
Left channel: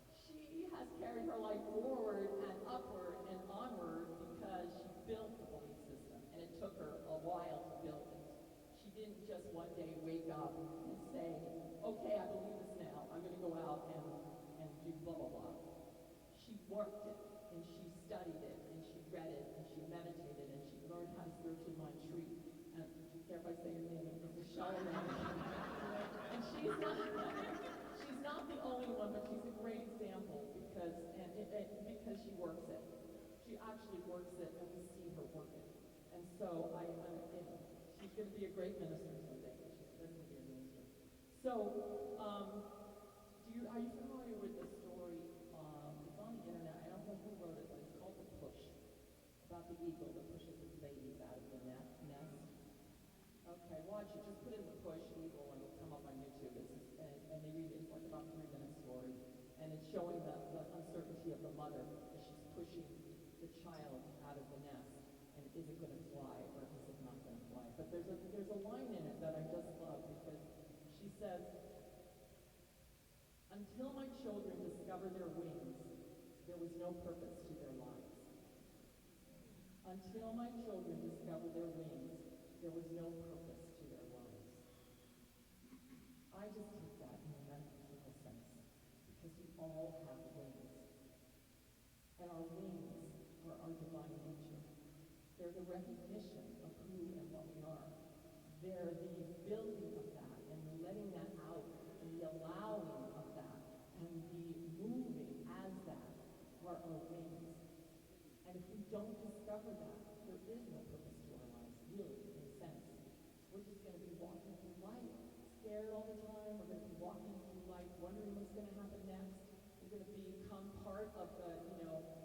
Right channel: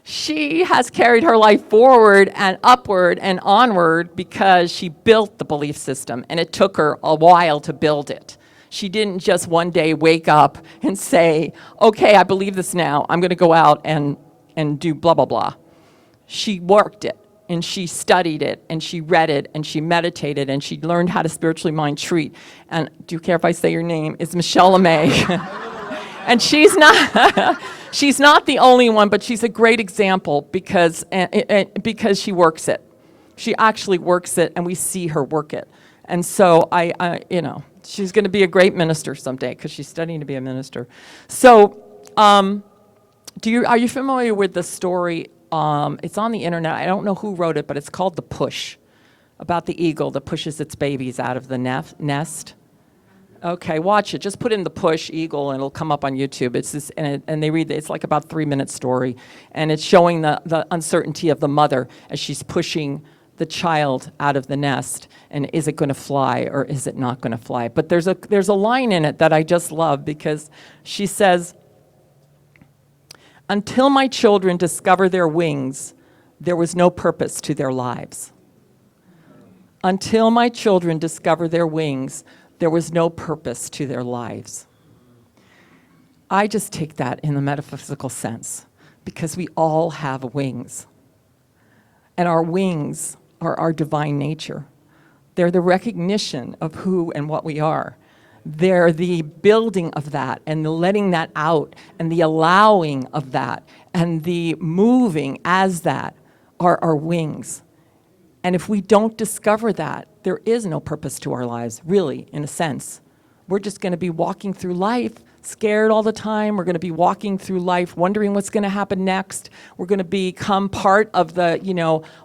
She has carried her life forward and upward and onward because she built the belief system, and it took her a while to build it. She didn't just one day wake up and say, okay, I believe this now. I'm going to go out and do blah, blah, blah. She worked it, and she studied it, and she read it, and she meditated, and she learned how to spiritually mind treat. And do you care if I say your name? It's Michelle LeMay. And she's not the only one, but she's a great example because she works it. She actually works it, and we see her work it. And so she's going to be a great minister someday because she's studying to be a minister. So, are you familiar with the story? It's on the internet. I don't know who wrote it, but it's called The Push, about the eagle that pushes its babies out of the nest. Okay, watch it. Just put in The Push eagle, and it'll come up on YouTube. It's this, and they read. It's like about a 3-minute story, and it's showing the uncertainty of the mother as she's pushing the child out of the nest. And is it going to fly or is it not going to fly? But there's a line in it that I just love, because she says, "Until my children discover their wings, there was no purpose to their lives. Until my children discover their wings, there was no purpose to their lives." I just take that in the metaphysical sense, because we all have wings. And our wings are our divine nature. They're the recognition of who and what we are. They're the building of that and the letting that out and the allowing of that and the moving as that are our wings. And if we don't discover that, there is no purpose to our lives, really, in a sense. We're just going to be walking through life scared all the time. We're going to be walking through life wondering what's going to happen next. We're going to become part of the,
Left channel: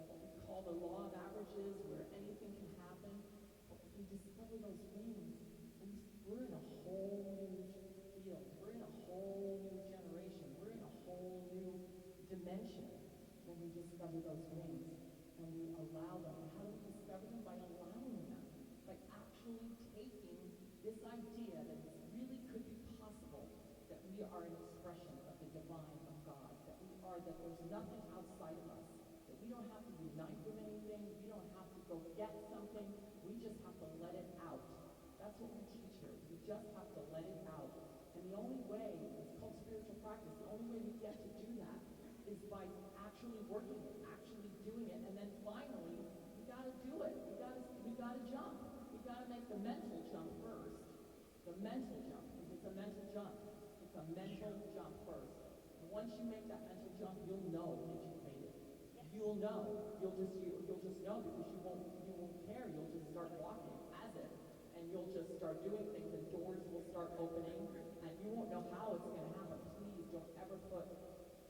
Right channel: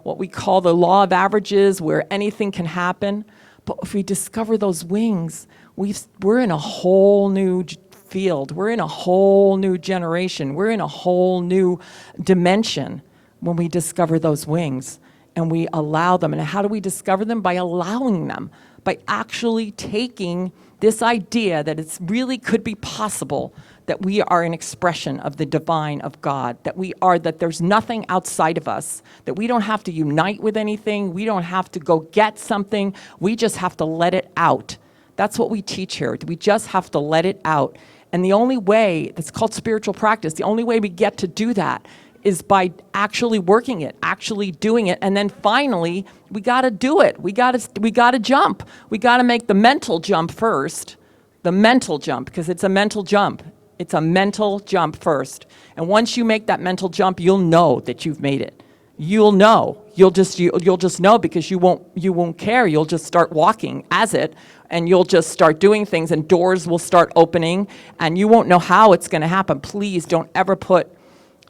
what we call the law of averages, where anything can happen. But if we discover those wings, we're in a whole new field. We're in a whole new generation. We're in a whole new dimension when we discover those wings. And we allow them. And how do we discover them? By allowing them, by actually taking this idea that it really could be possible that we are an expression of the divine of God, that there's nothing outside of us, that we don't have to unite with anything, we don't have to go get something, we just have to let it out. That's what we teach here. We just have to let it out. And the only way, that's called spiritual practice, the only way we get to do that is by actually working it, actually doing it, and then finally, we gotta do it. We gotta jump. We gotta make the mental jump first, the mental jump, because it's a mental jump. It's a mental jump first. And once you make that mental jump, you'll know that you've made it. You'll know. You'll just know, because you won't care. You'll just start walking as it, and you'll just start doing things, and doors will start opening, and you won't know how it's going to happen. Please don't ever put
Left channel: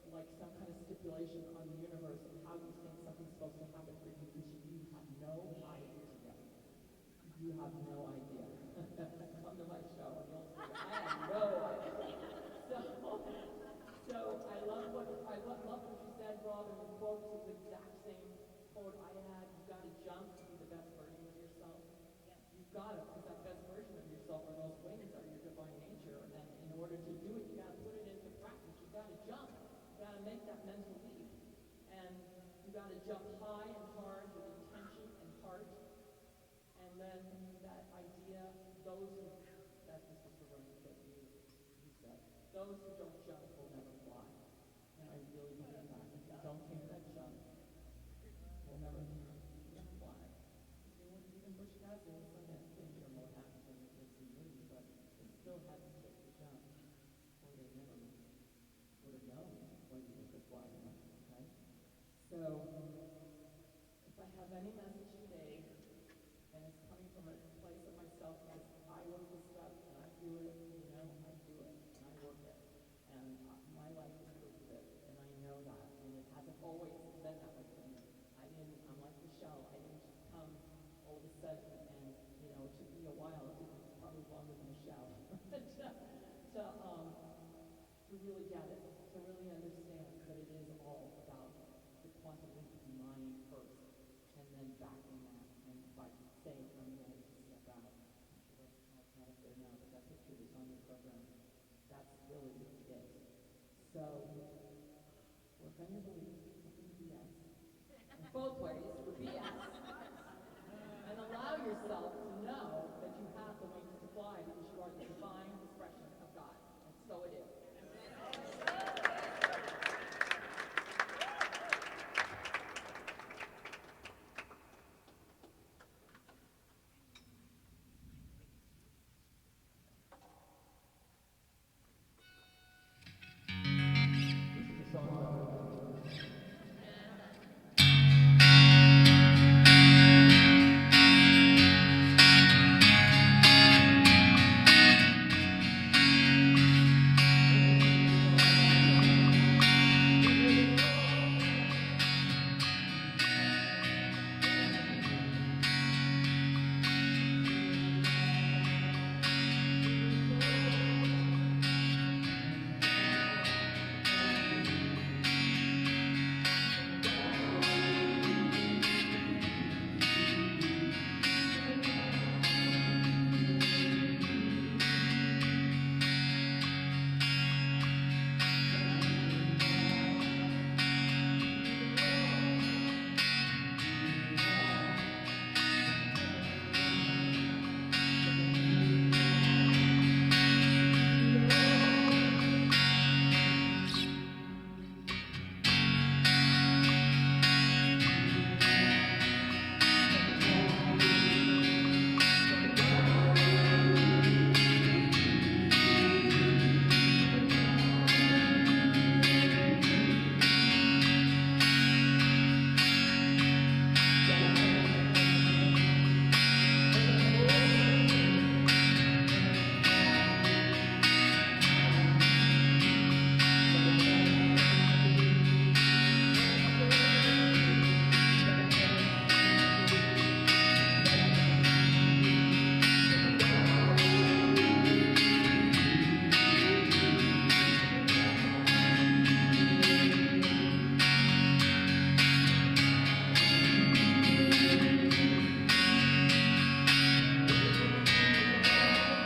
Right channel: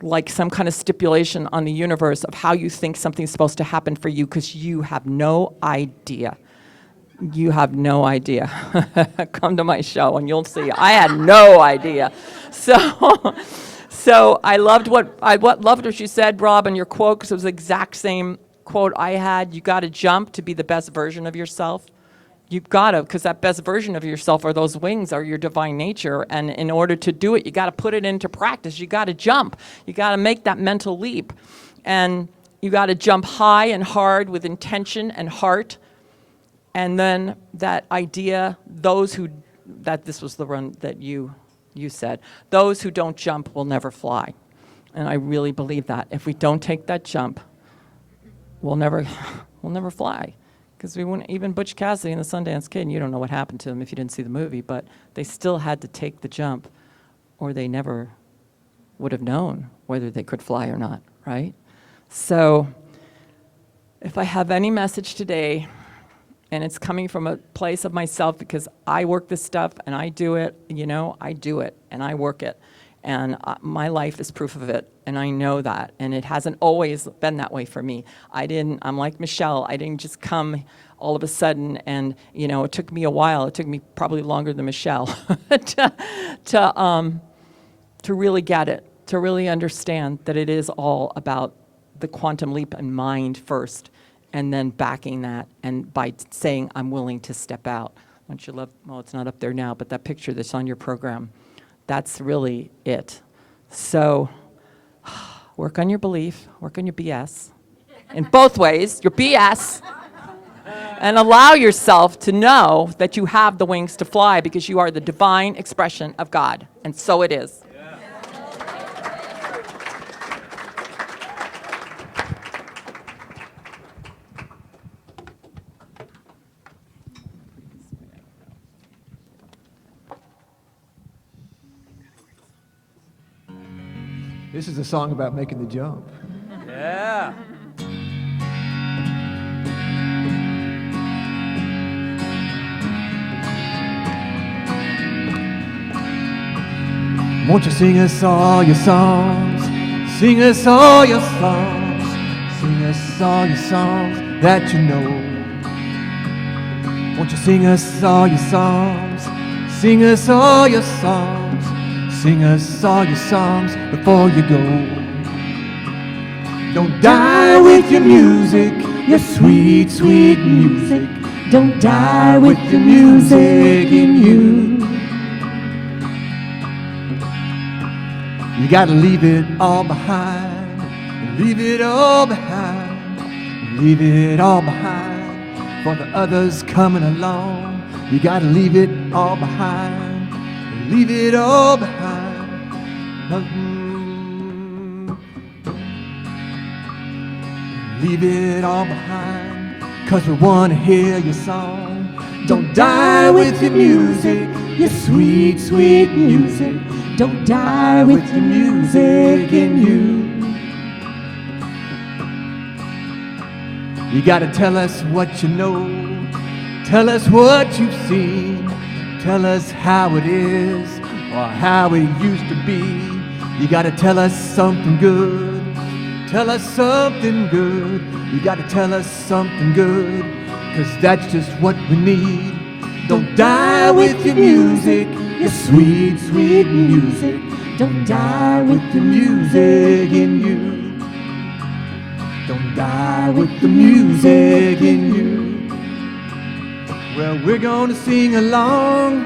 like some kind of stipulation on the universe of how you think something's supposed to happen for you, because you have no idea. You have no idea. Come to my show and you'll see. I had no idea. So I loved what you said, Rob, in your quote, because it was the exact same quote I had. You got to jump to be the best version of yourself. You've got to, because that best version of yourself, or those wings, are your divine nature. And in order to do it, you got to put it into practice. You got to jump. You got to make that mental leap. And you got to jump high and hard with intention and heart. And then that idea, this was the run that you said, those who don't jump will never fly. And I really believe that. If we don't take that jump, we'll never fly. Because we wouldn't, even Butch Cassidy and the Sundance Kid, and you don't know what happened to them if you didn't see the movie, but they still had to take the jump, or they never would have known whether they could fly or not, right? So if I have any message today, and it's coming from a place of myself, because I work this stuff and I do it, I do it and I work it. And my life is proof of it, and I know that. And it hasn't always been that way for me. I'm like Michelle. I didn't just come all of a sudden, and it took me a while. It took me probably longer than Michelle to really get it, to really understand that it is all about the quantum leap in mind first, and then backing that, and by saying, I'm willing to step out. Once you love, well, it's not up there now, but that picture that's on your program, that's really it. So work on your belief, work on your BS, in both ways, your BS, and allow yourself to know that you have the wings to fly, because you are the divine expression of God, and so it is. This is a song about making the jump. Yeah. Won't you sing us all your songs? Sing us all your songs. Sing us all your songs that you know. Won't you sing us all your songs? Sing us all your songs. Sing us all your songs before you go. Don't die with your music, your sweet, sweet music. Don't die with the music in you. You gotta leave it all behind. Leave it all behind. Leave it all behind for the others coming along. You gotta leave it all behind. Leave it all behind. Leave it all behind, 'cause we wanna hear your song. Don't die with your music, your sweet, sweet music. Don't die with the music in you. You gotta tell us what you know. Tell us what you've seen. Tell us how it is, or how it used to be. You gotta tell us something good. Tell us something good. You gotta tell us something good, 'cause that's just what we need. Don't die with your music, your sweet, sweet music. Don't die with the music in you. Don't die with the music in you. Well, we're gonna sing along.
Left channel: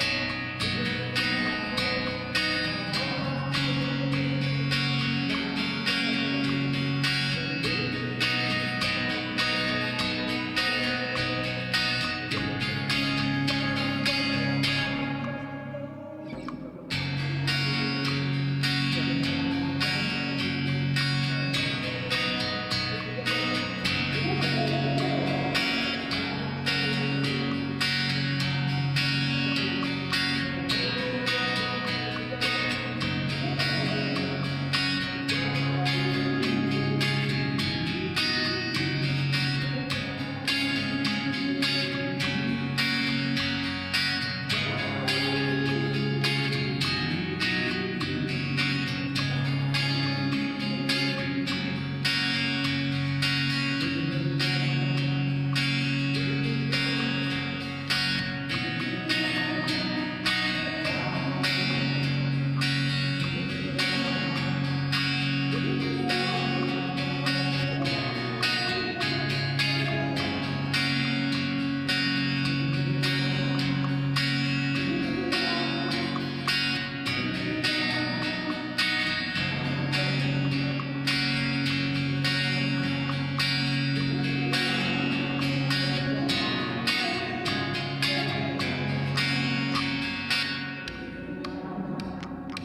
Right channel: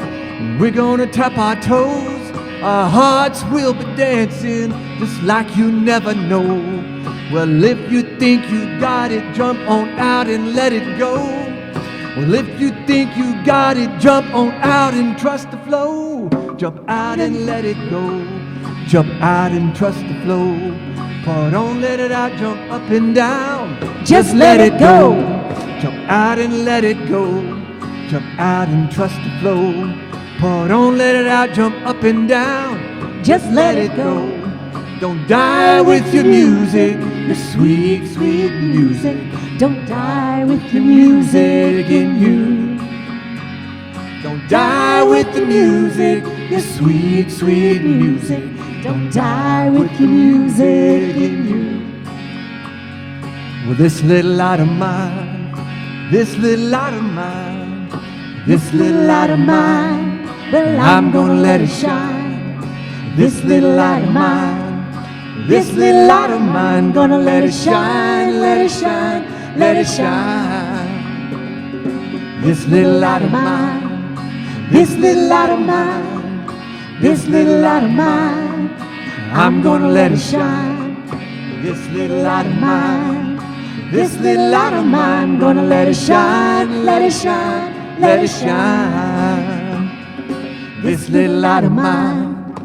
We're gonna tap our toes. Our hearts will be dancing just like you never know. Well, if you think you got it, jump on out and let it go. Well, if you think you got it, jump on out and trust the flow. Jump out and let it go. Jump out and trust the flow. But don't let it out, jump up and down. Just let it go. Jump out and let it go. Jump out and trust the flow. But don't let it out, jump up and down. Just let it go. Don't die with your music, your sweet, sweet music. Don't die with the music in you. Don't die with the music, your sweet, sweet music. Don't die with the music in you. Well, this little light of mine, this little light of mine, this little light of mine, well, I'm gonna let it shine. This little light of mine, this little light of mine, gonna let it shine, let it shine, let it shine. This little light of mine, this little light of mine, this little light of mine, I'm gonna let it shine. This little light of mine, this little light of mine, gonna let it shine, let it shine, let it shine. This little light of mine,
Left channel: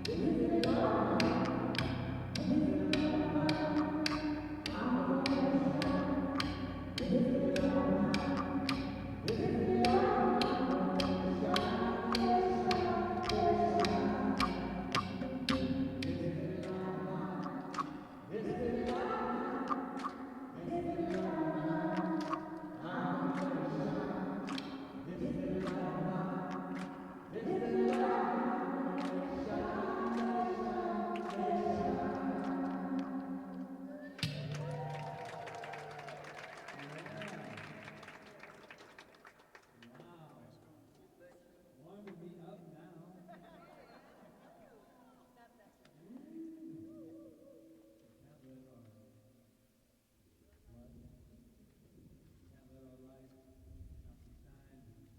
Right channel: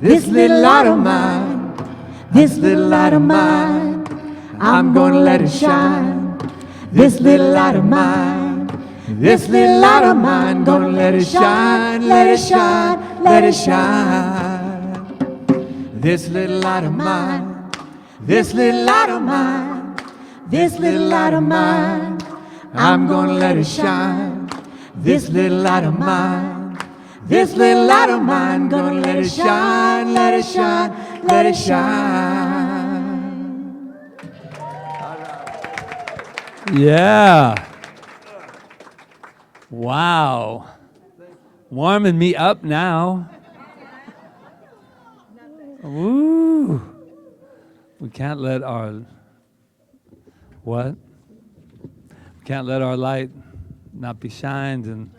this little light of mine, this little light of mine, I'm gonna let it shine. This little light of mine, this little light of mine, gonna let it shine, let it shine, let it shine. This little light of mine, this little light of mine, this little light of mine, I'm gonna let it shine. This little light of mine, this little light of mine, gonna let it shine, let it shine, let it shine. Yeah. Wow. Warming me up now. Woo. We can't let our, what? We can't let our light not be shined in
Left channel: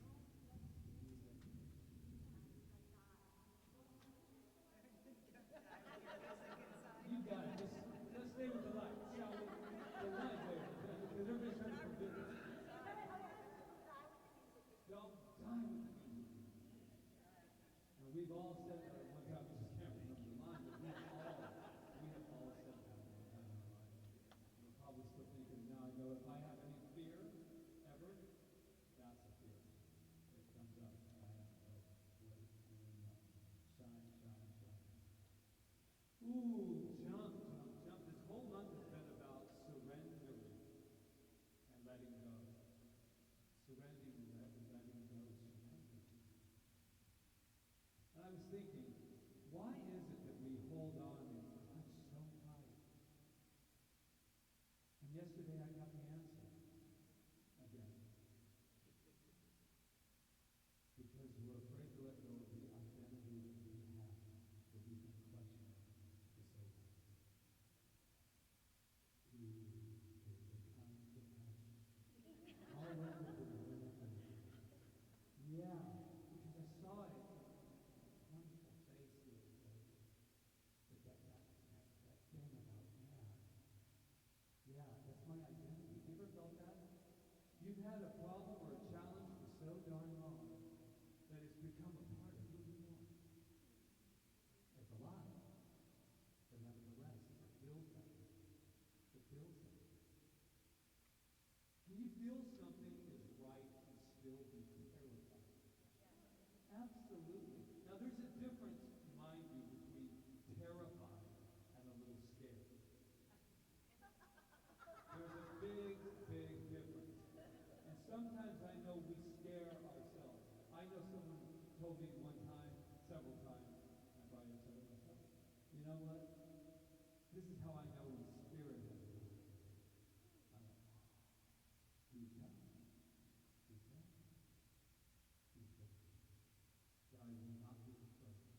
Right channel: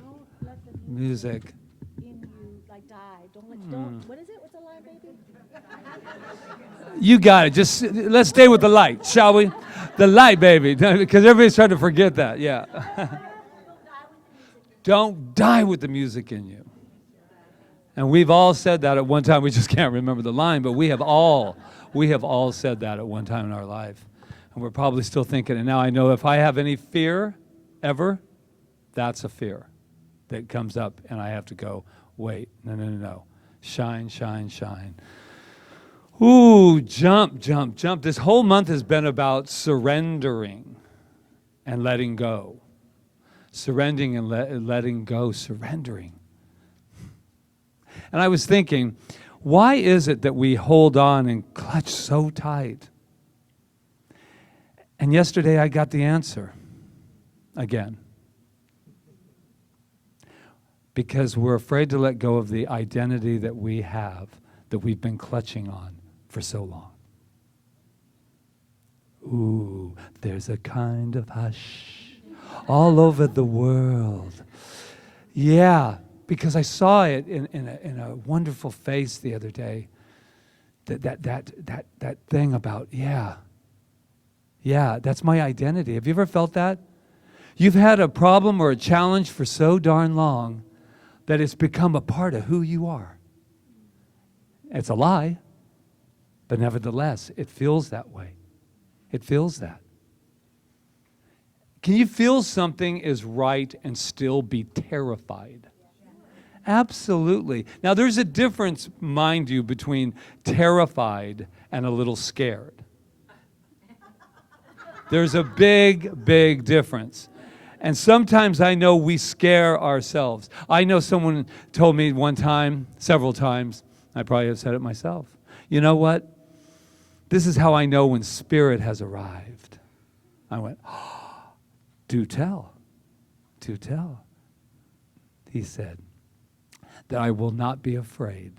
music. What is it? What's the line, baby? You got it. Just let's stay with the light, shall we? The light, baby, because everybody's trying to forget that. Yeah. Don't die with the music in you. And we've all said that at one time. We just can't remember the line, but we have all said that at one time in our life. And we're probably still thinking it now. I know if I have any fear ever, that's a fear that comes up, and I have to go, wait, no. Shine, shine, shine. Ooh, jump, jump, jump. This whole month has been about surrendering and letting go. Surrendering and letting go, surrendering. And I was thinking, why is it that we hold on and clutch so tight? And yesterday I got the answer again. Because we're afraid to let go of the identity that we have, that we've been clutching on for so long. Ooh, there's a kind of hush all over the world. Yeah, because I saw it in a wonderful face the other day. That thing about, yeah, that's my identity. Have you ever felt that? You've had a problem or a challenge for so darn long that it's become a part of who you are. It's a lie, but nevertheless, it feels that way. It feels that. Can you feel something is right and still be terrified? Absolutely. Now, there's a difference, mind you, between terrified and a little scared. There's a big, big difference. And sometimes I know we scare ourselves. I know someone told me one time, several times, I probably have said it myself, you know what? This is how I know when spirit has arrived. I went, oh, do tell. He said, that I will not be afraid.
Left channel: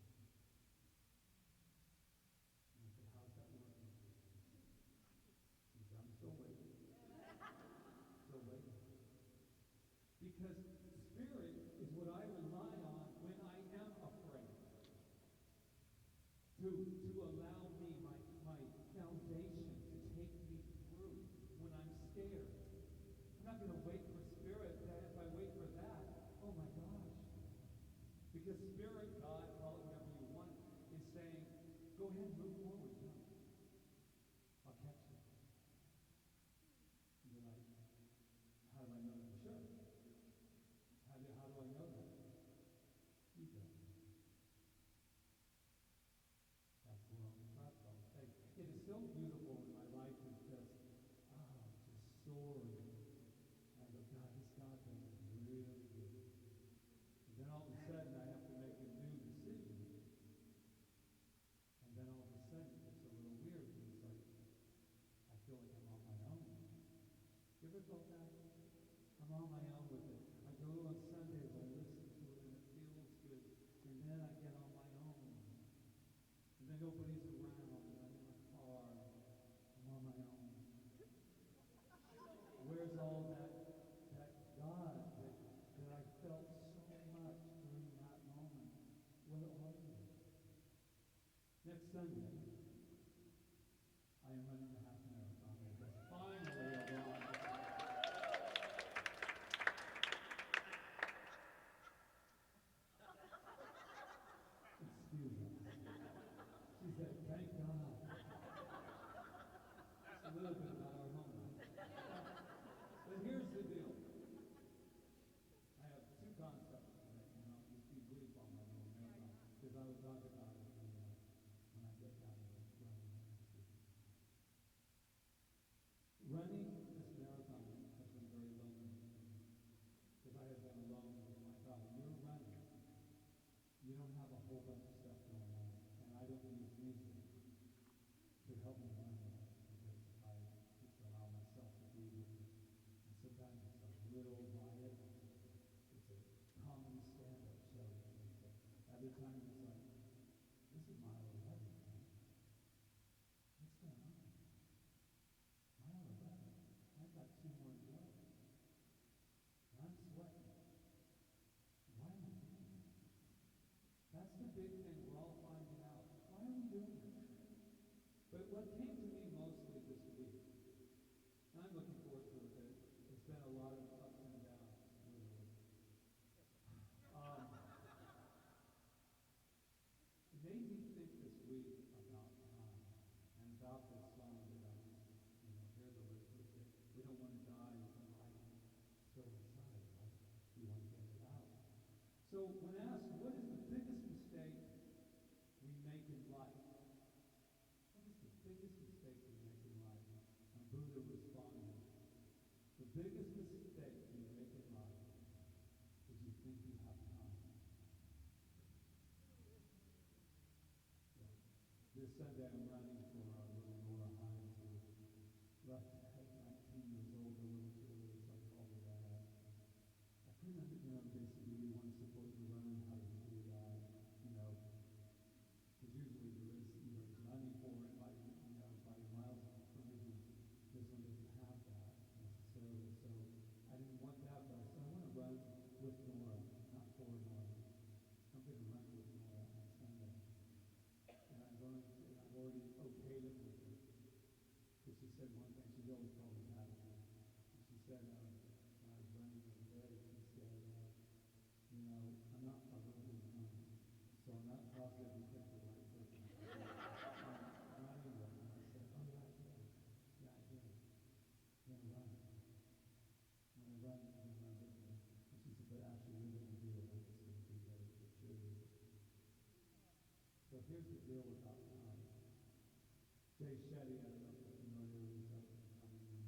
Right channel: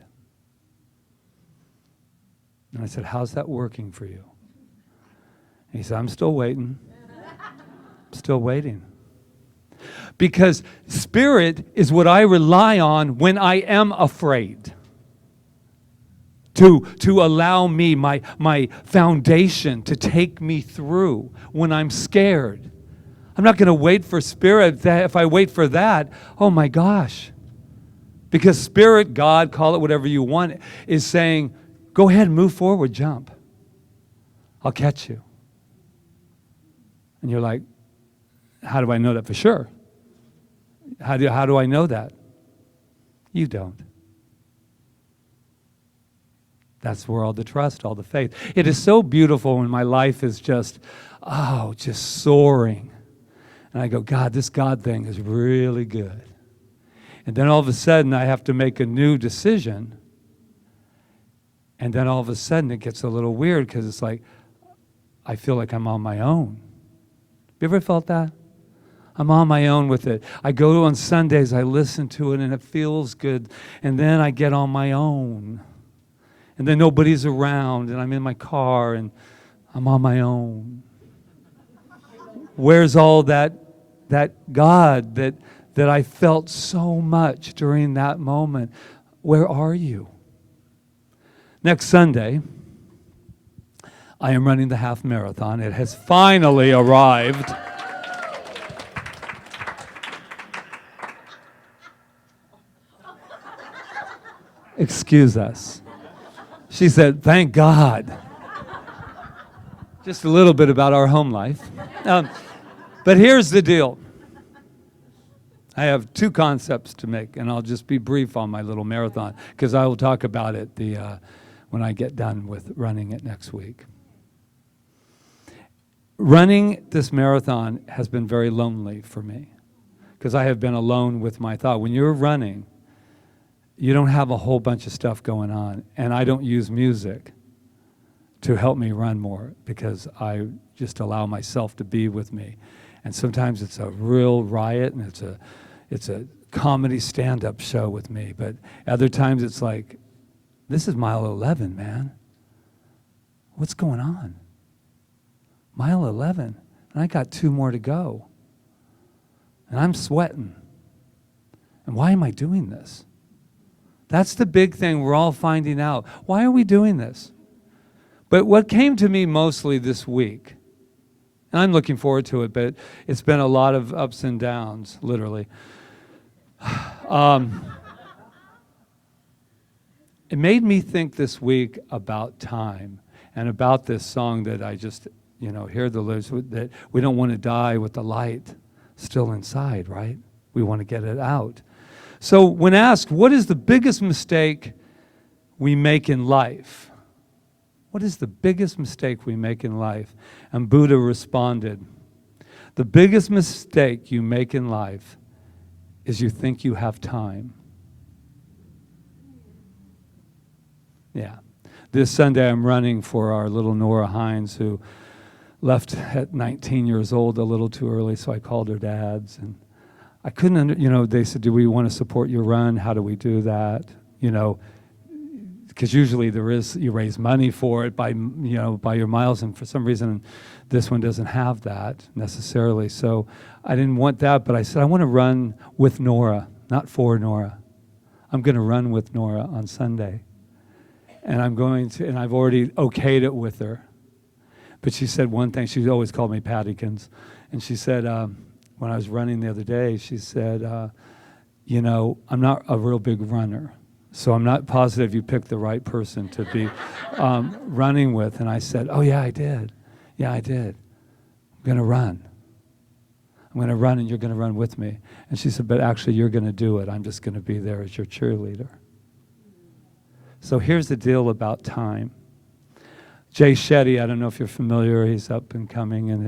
And I said, how's that working for you? And he said, I'm still waiting. Still waiting. Because spirit is what I rely on when I am afraid. to allow me, my foundation, to take me through when I'm scared. I'm not going to wait for Spirit. If I wait for that, oh my gosh. Because Spirit, God, call it whatever you want, is saying, go ahead, move forward, jump. I'll catch you. And you're like, how do I know that for sure? How do I know that? You don't. That's where all the trust, all the faith. It is so beautiful when my life is just soaring. And I go, God, this God thing is really good. And then all of a sudden, I have to make a new decision. And then all of a sudden, it gets a little weird because it's like, I feel like I'm on my own. You ever felt that? I'm on my own with it. I go on Sundays, I listen to it, and it feels good. And then I get on my own. And then nobody's around, and I'm in my car, and I'm on my own. Where's all that God that I felt so much during that moment? Where are you? Next Sunday, I am running the half marathon. It has finally arrived. Excuse us. She said, thank God. Just a little bit about our home life. But here's the deal. I have two concepts to make, and I'll just be brief on my little marathon, because I will talk about it when I get done with running it next week. Running this marathon has been very lonely for me, because I have been alone with my thought. When you're running, you don't have a whole bunch of stuff going on, and I don't use music to help me run more, because I just allow myself to be with me. And sometimes it's a real riot, and it's a comedy stand-up show with me, but other times it's like, this is mile 11, man. What's going on? Mile 11, and I got 2 more to go. And I'm sweating. And why am I doing this? That's the big thing we're all finding out. Why are we doing this? But what came to me mostly this week, and I'm looking forward to it, but it's been a lot of ups and downs, literally. It made me think this week about time and about this song that I just, hear the lyrics, that we don't want to die with the light still inside, right? We want to get it out. So when asked, what is the biggest mistake we make in life? What is the biggest mistake we make in life? And Buddha responded, the biggest mistake you make in life is you think you have time. Yeah. This Sunday I'm running for our little Nora Hines, who left at 19 years old a little too early, so I called her dad's. And I couldn't, they said, do we want to support your run? How do we do that? Because usually you raise money for it by your miles, and for some reason this one doesn't have that necessarily. So I didn't want that, but I said, I want to run with Nora, not for Nora. I'm going to run with Nora on Sunday. And I've already okayed it with her. But she said one thing, she always called me Pattykins, and she said, when I was running the other day, she said, I'm not a real big runner, so I'm not positive you picked the right person to be running with. And I said, oh, yeah, I did. Yeah, I did. I'm going to run. I'm going to run, and you're going to run with me. And she said, but actually, you're going to do it. I'm just going to be there as your cheerleader. So here's the deal about time. Jay Shetty, I don't know if you're familiar, he's up and coming in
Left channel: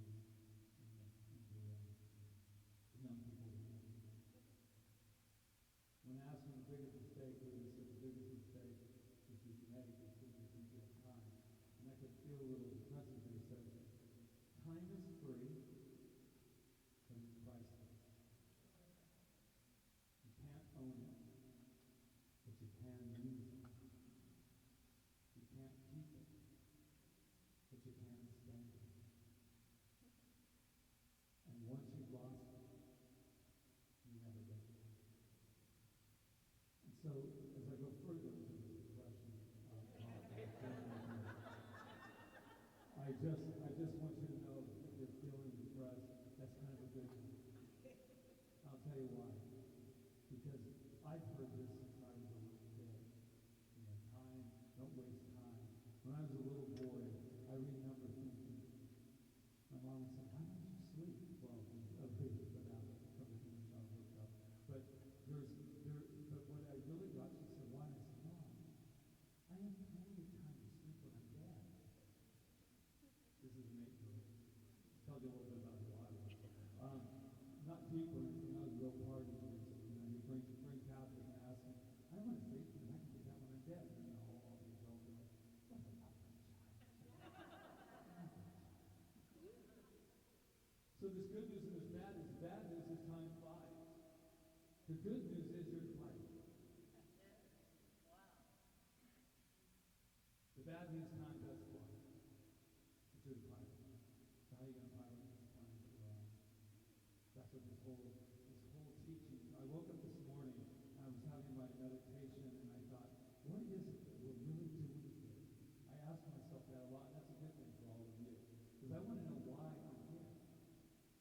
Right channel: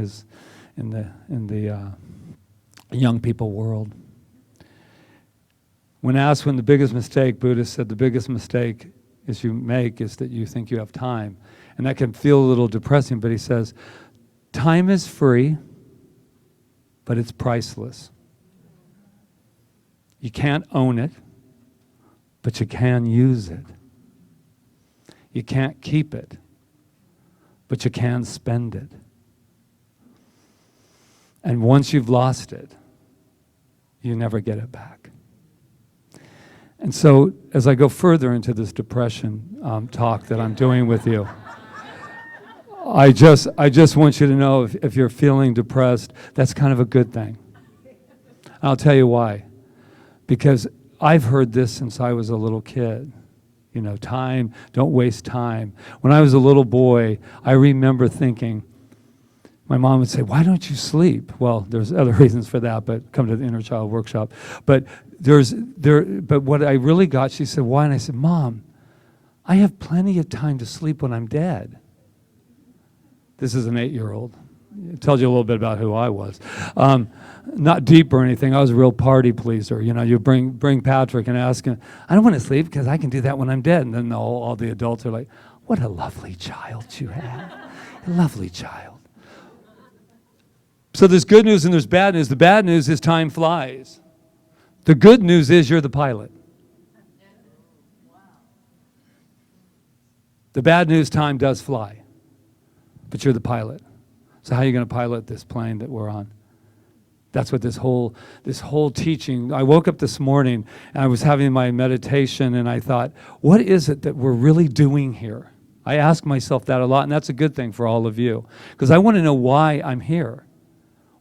the young people world. When asked when the biggest mistake, Buddha said the biggest mistake you make is that you think you have time. And that can feel a little depressing, but he says, time is free, but it's priceless. You can't own it, but you can use it. You can't keep it, but you can spend it. And once you've lost it, you never get it back. And so as I go further into this depression talk that I'm doing with you, I just want you to know if you're feeling depressed, that's kind of a good thing. I'll tell you why. Because I've heard this since I was a little kid. You know, time, don't waste time. When I was a little boy, I remember thinking, my mom would say, why don't you sleep? Well, there's other reasons for that, but come to the inner child workshop. But but what I really got, she said, why? And I said, Mom, I have plenty of time to sleep when I'm dead. This is an 8-year-old. It tells you a little bit about who I was. Not deep or anything. I was a real party pleaser. You know, you bring Patrick and ask him, I don't want to sleep because I can do that when I'm dead. And then all the adults are like, what a lovely child you have. A lovely child. So there's good news and there's bad news. The bad news is time flies. The good news is you're the pilot. The bad news, time does fly, but you're the pilot. So how are you going to pilot this plane that we're on? That's what this whole teaching, I woke up this morning and I was having my meditation and I thought, what is it that we're really doing here? I ask myself that a lot, and that's a good thing for all of you, because I want to know why I'm here.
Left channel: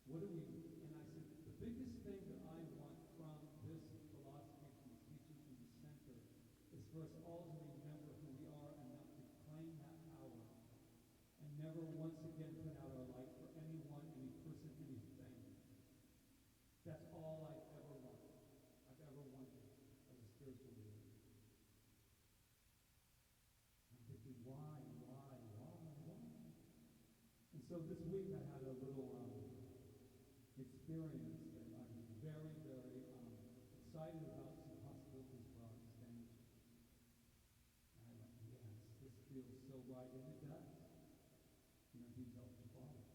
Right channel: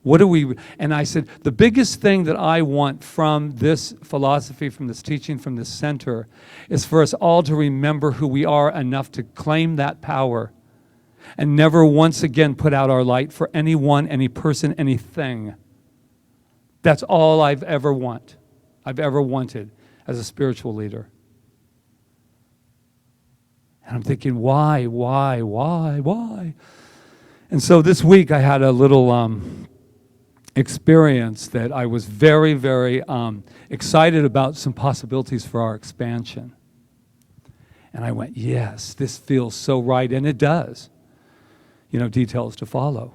What do we, and I said, the biggest thing that I want from this philosophy, from this teaching, from this center, is for us all to remember who we are enough to claim that power and never once again put out our light for anyone, any person, anything. That's all I've ever wanted as a spiritual leader. And I'm thinking, why? And so this week I had a little experience that I was very, very excited about some possibilities for our expansion. And I went, yes, this feels so right, and it does. You know, details to follow.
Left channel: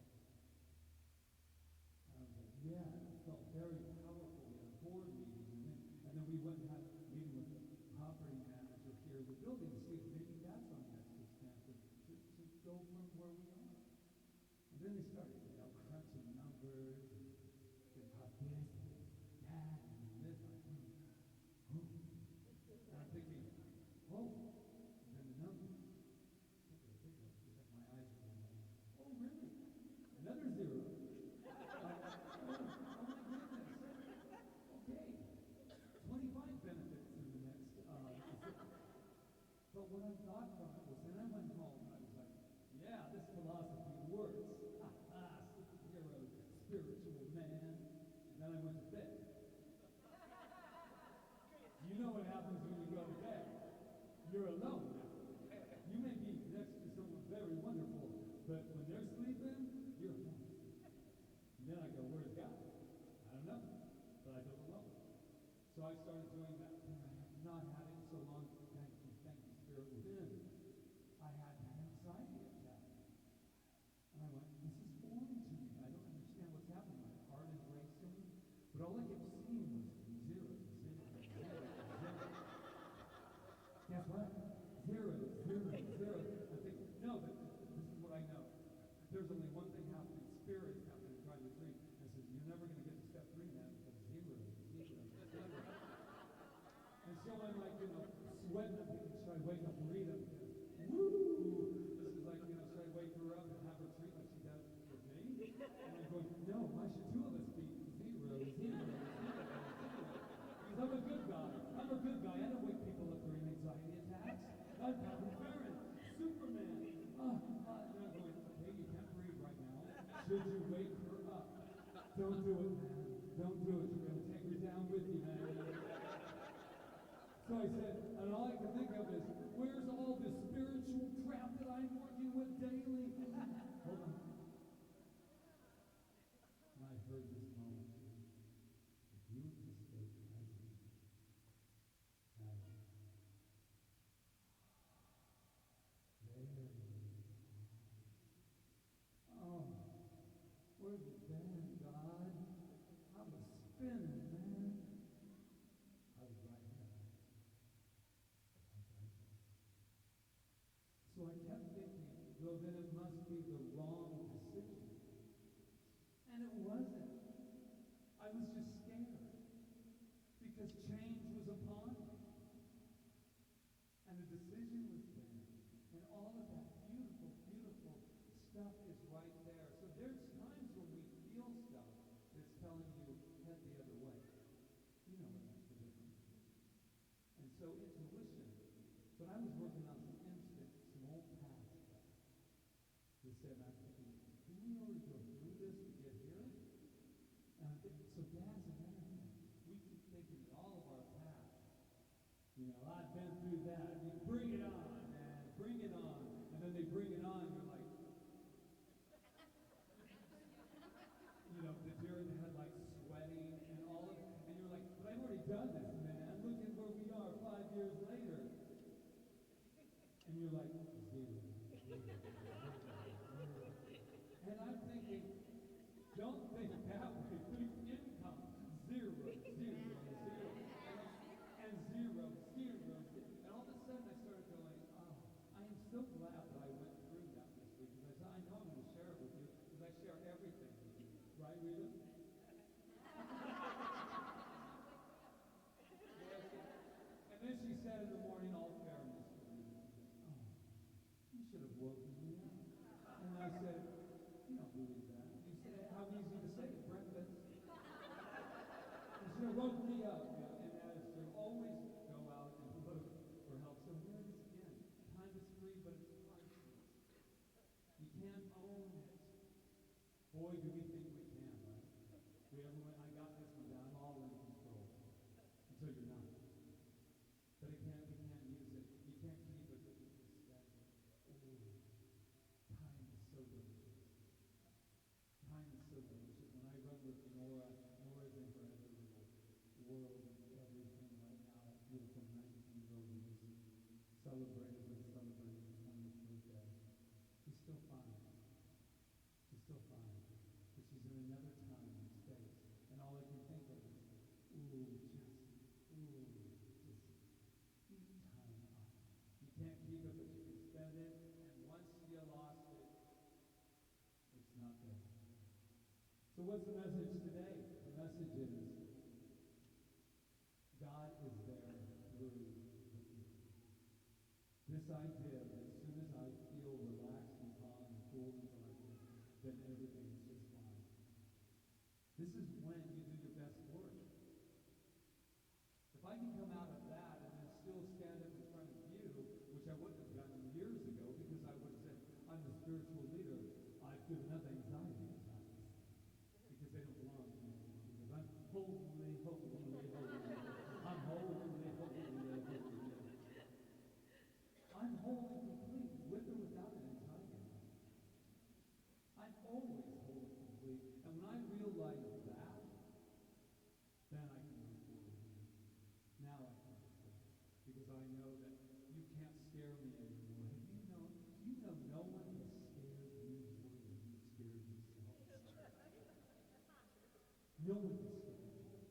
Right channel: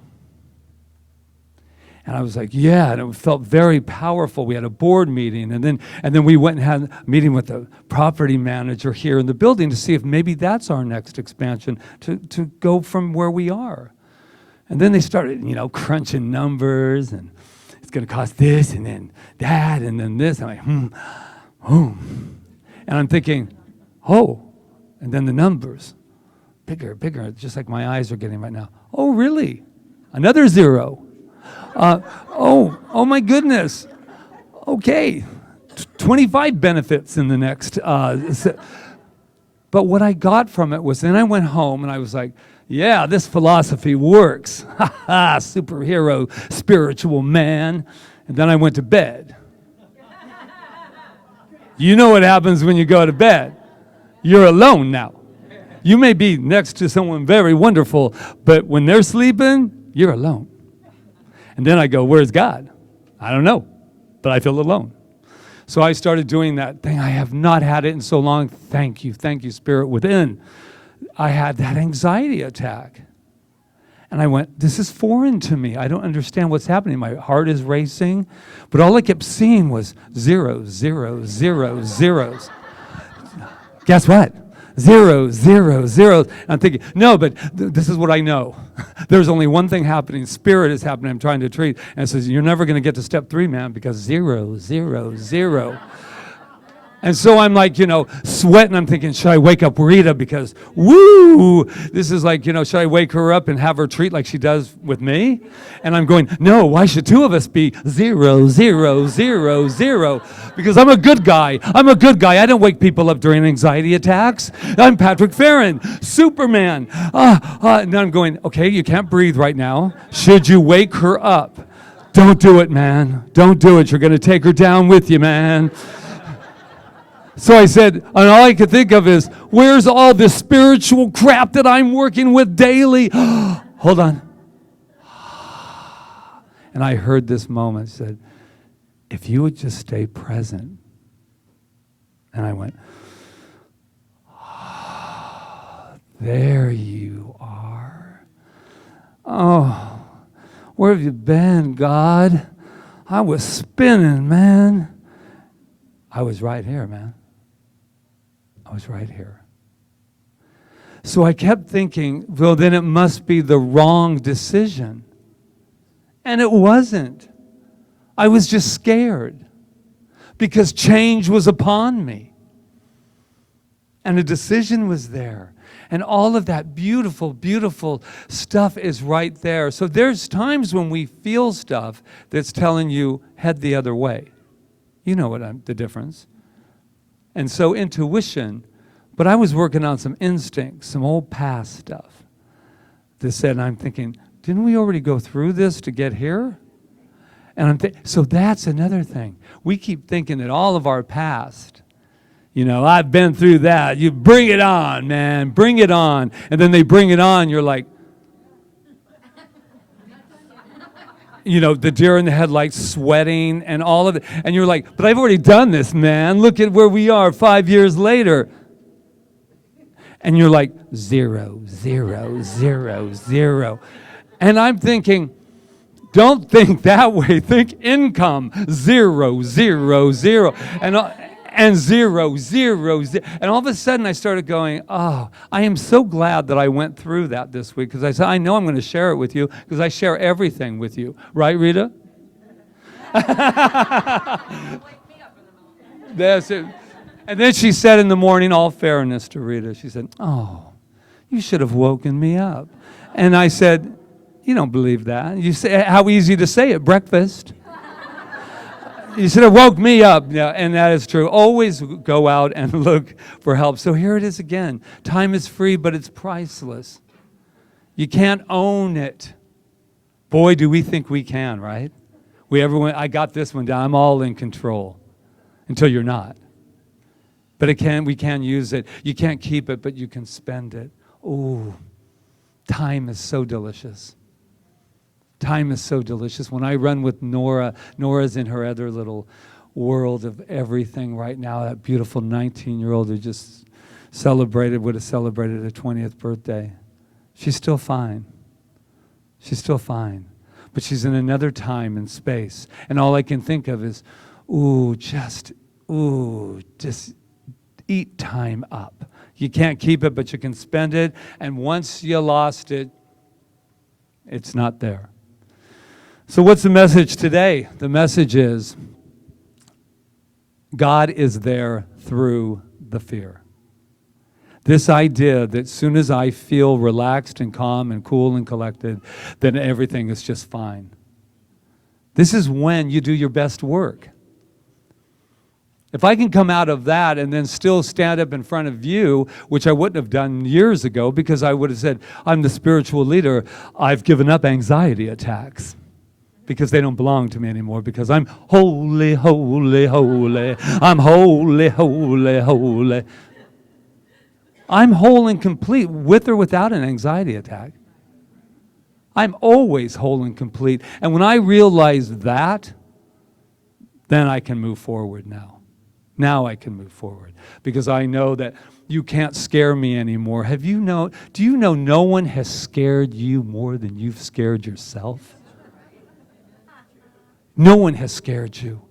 And I was like, yeah, and it felt very powerful. We had a board meeting, and then we went and had a meeting with the property manager here in the building to see if maybe that's our next expansion, to go from where we are. And then they started, you know, crunching numbers, and it's going to cost this, and then that, and then this. I'm like, And I'm thinking, oh, and then the numbers, bigger, just like my eyes are getting right now. Oh, really? Another zero. Oh my goodness. Okay, 25 benefits in the next. But what I got from it was, then I went home and I was like, yeah, this philosophy works. Ha ha, superhero, spiritual man. And then I went to bed. You know what happens when you go to bed. You're alone now. You may be next to someone very wonderful, but when they're sleeping, you're alone. And then I go, where's God? I don't know, but I feel alone. So I started doing that thing. I have not had it in so long. Thank you, Spirit within. I had that anxiety attack. And I went, this is foreign to me. I don't understand what's happening. My heart is racing. But all I kept seeing was zeros, zeros, zeros, zeros. Guess what? Zeros, zeros, zeros. I'm thinking, no, but this is what I know. There's only one thing happening. Spirit is happening. I'm trying to treat. And it says, you're never going to get to step 3, man, because 0, 0, 0. And so I'm like, you know, sweating. I'm thinking, should I wake up Rita? Because, woo, this is like, you know, should I wake her up and have her treat like she does with me? And I'm going, no, why should 2 of us be 0, 0, 0, 0? Because I'm a good guy. I don't wake people up during anxiety attacks. I'm Patrick Feren, Superman. And then I'm going, okay, you can't breathe right now. Should you wake her up? Don't do it, man. Don't do it. You're going to take her down with you, man. So I said, and all I could think of is, where's all this spiritual crap that I'm working with daily? Hold on. And I heard this moment, said, if you would just stay present. And I went, there you are. Oh, where have you been, God? I was spinning, man. I was right here, man. I was right here. So I kept thinking, well, then it must be the wrong decision. And it wasn't. I was just scared because change was upon me. And a decision was there. And all of that beautiful, beautiful stuff is right there. So there's times when we feel stuff that's telling you, head the other way. You know the difference. And so intuition, but I was working on some instincts, some old past stuff that said, and I'm thinking, didn't we already go through this to get here? And so that's another thing. We keep thinking that all of our past, I've been through that. You bring it on, man, bring it on. And then they bring it on, you're like, the deer in the headlights sweating and all of it. And you're like, but I've already done this, man. Look at where we are 5 years later. And you're like, 0, 0, 0, 0. And I'm thinking, don't think that way. Think income, 0, 0, 0. And 0, 0, 0. And all of a sudden I started going, oh, I am so glad that I went through that this week, because I said, I know I'm going to share it with you, because I share everything with you. Right, Rita? That's it. And then she said in the morning, all fairness to Rita, she said, oh, you should have woken me up. And I said, you don't believe that. You say, how easy to say it, breakfast. You should have woke me up. Yeah, and that is true. Always go out and look for help. So here it is again. Time is free, but it's priceless. You can't own it. Boy, do we think we can, right? I got this one down. I'm all in control. Until you're not. But we can use it. You can't keep it, but you can spend it. Ooh, time is so delicious. Time is so delicious. When I run with Nora, Nora's in her other little world of everything right now. That beautiful 19-year-old who just would have celebrated her 20th birthday. She's still fine. She's still fine. But she's in another time and space. And all I can think of is, just eat time up. You can't keep it, but you can spend it. And once you lost it, it's not there. So what's the message today? The message is God is there through the fear. This idea that as soon as I feel relaxed and calm and cool and collected, then everything is just fine. This is when you do your best work. If I can come out of that and then still stand up in front of you, which I wouldn't have done years ago, because I would have said, I'm the spiritual leader, I've given up anxiety attacks. Because they don't belong to me anymore, because I'm holy, holy, holy. I'm holy, holy, holy. I'm whole and complete with or without an anxiety attack. I'm always whole and complete. And when I realize that, then I can move forward now. Now I can move forward, because I know that you can't scare me anymore. Do you know no one has scared you more than you've scared yourself? No one has scared you.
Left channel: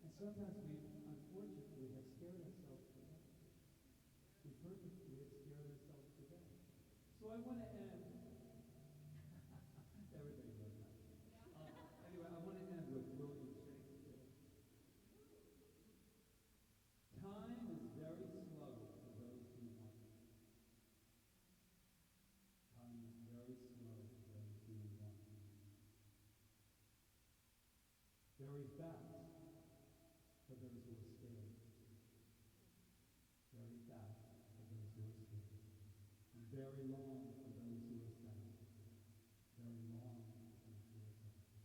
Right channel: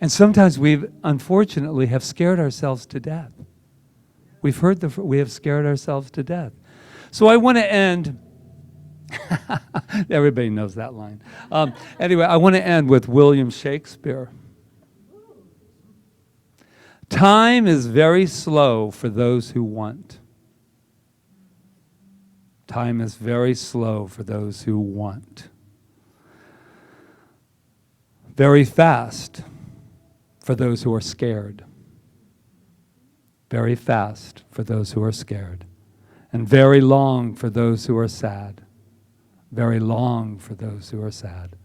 And sometimes unfortunately, have scared ourselves to death. We have scared ourselves to death. So I want to end, everybody knows that line. Anyway, I want to end with William Shakespeare. Time is very slow for those who want. Time is very slow for those who want. Very fast for those who are scared. Very fast for those who are scared. And very long for those who are sad. Very long for those who are sad.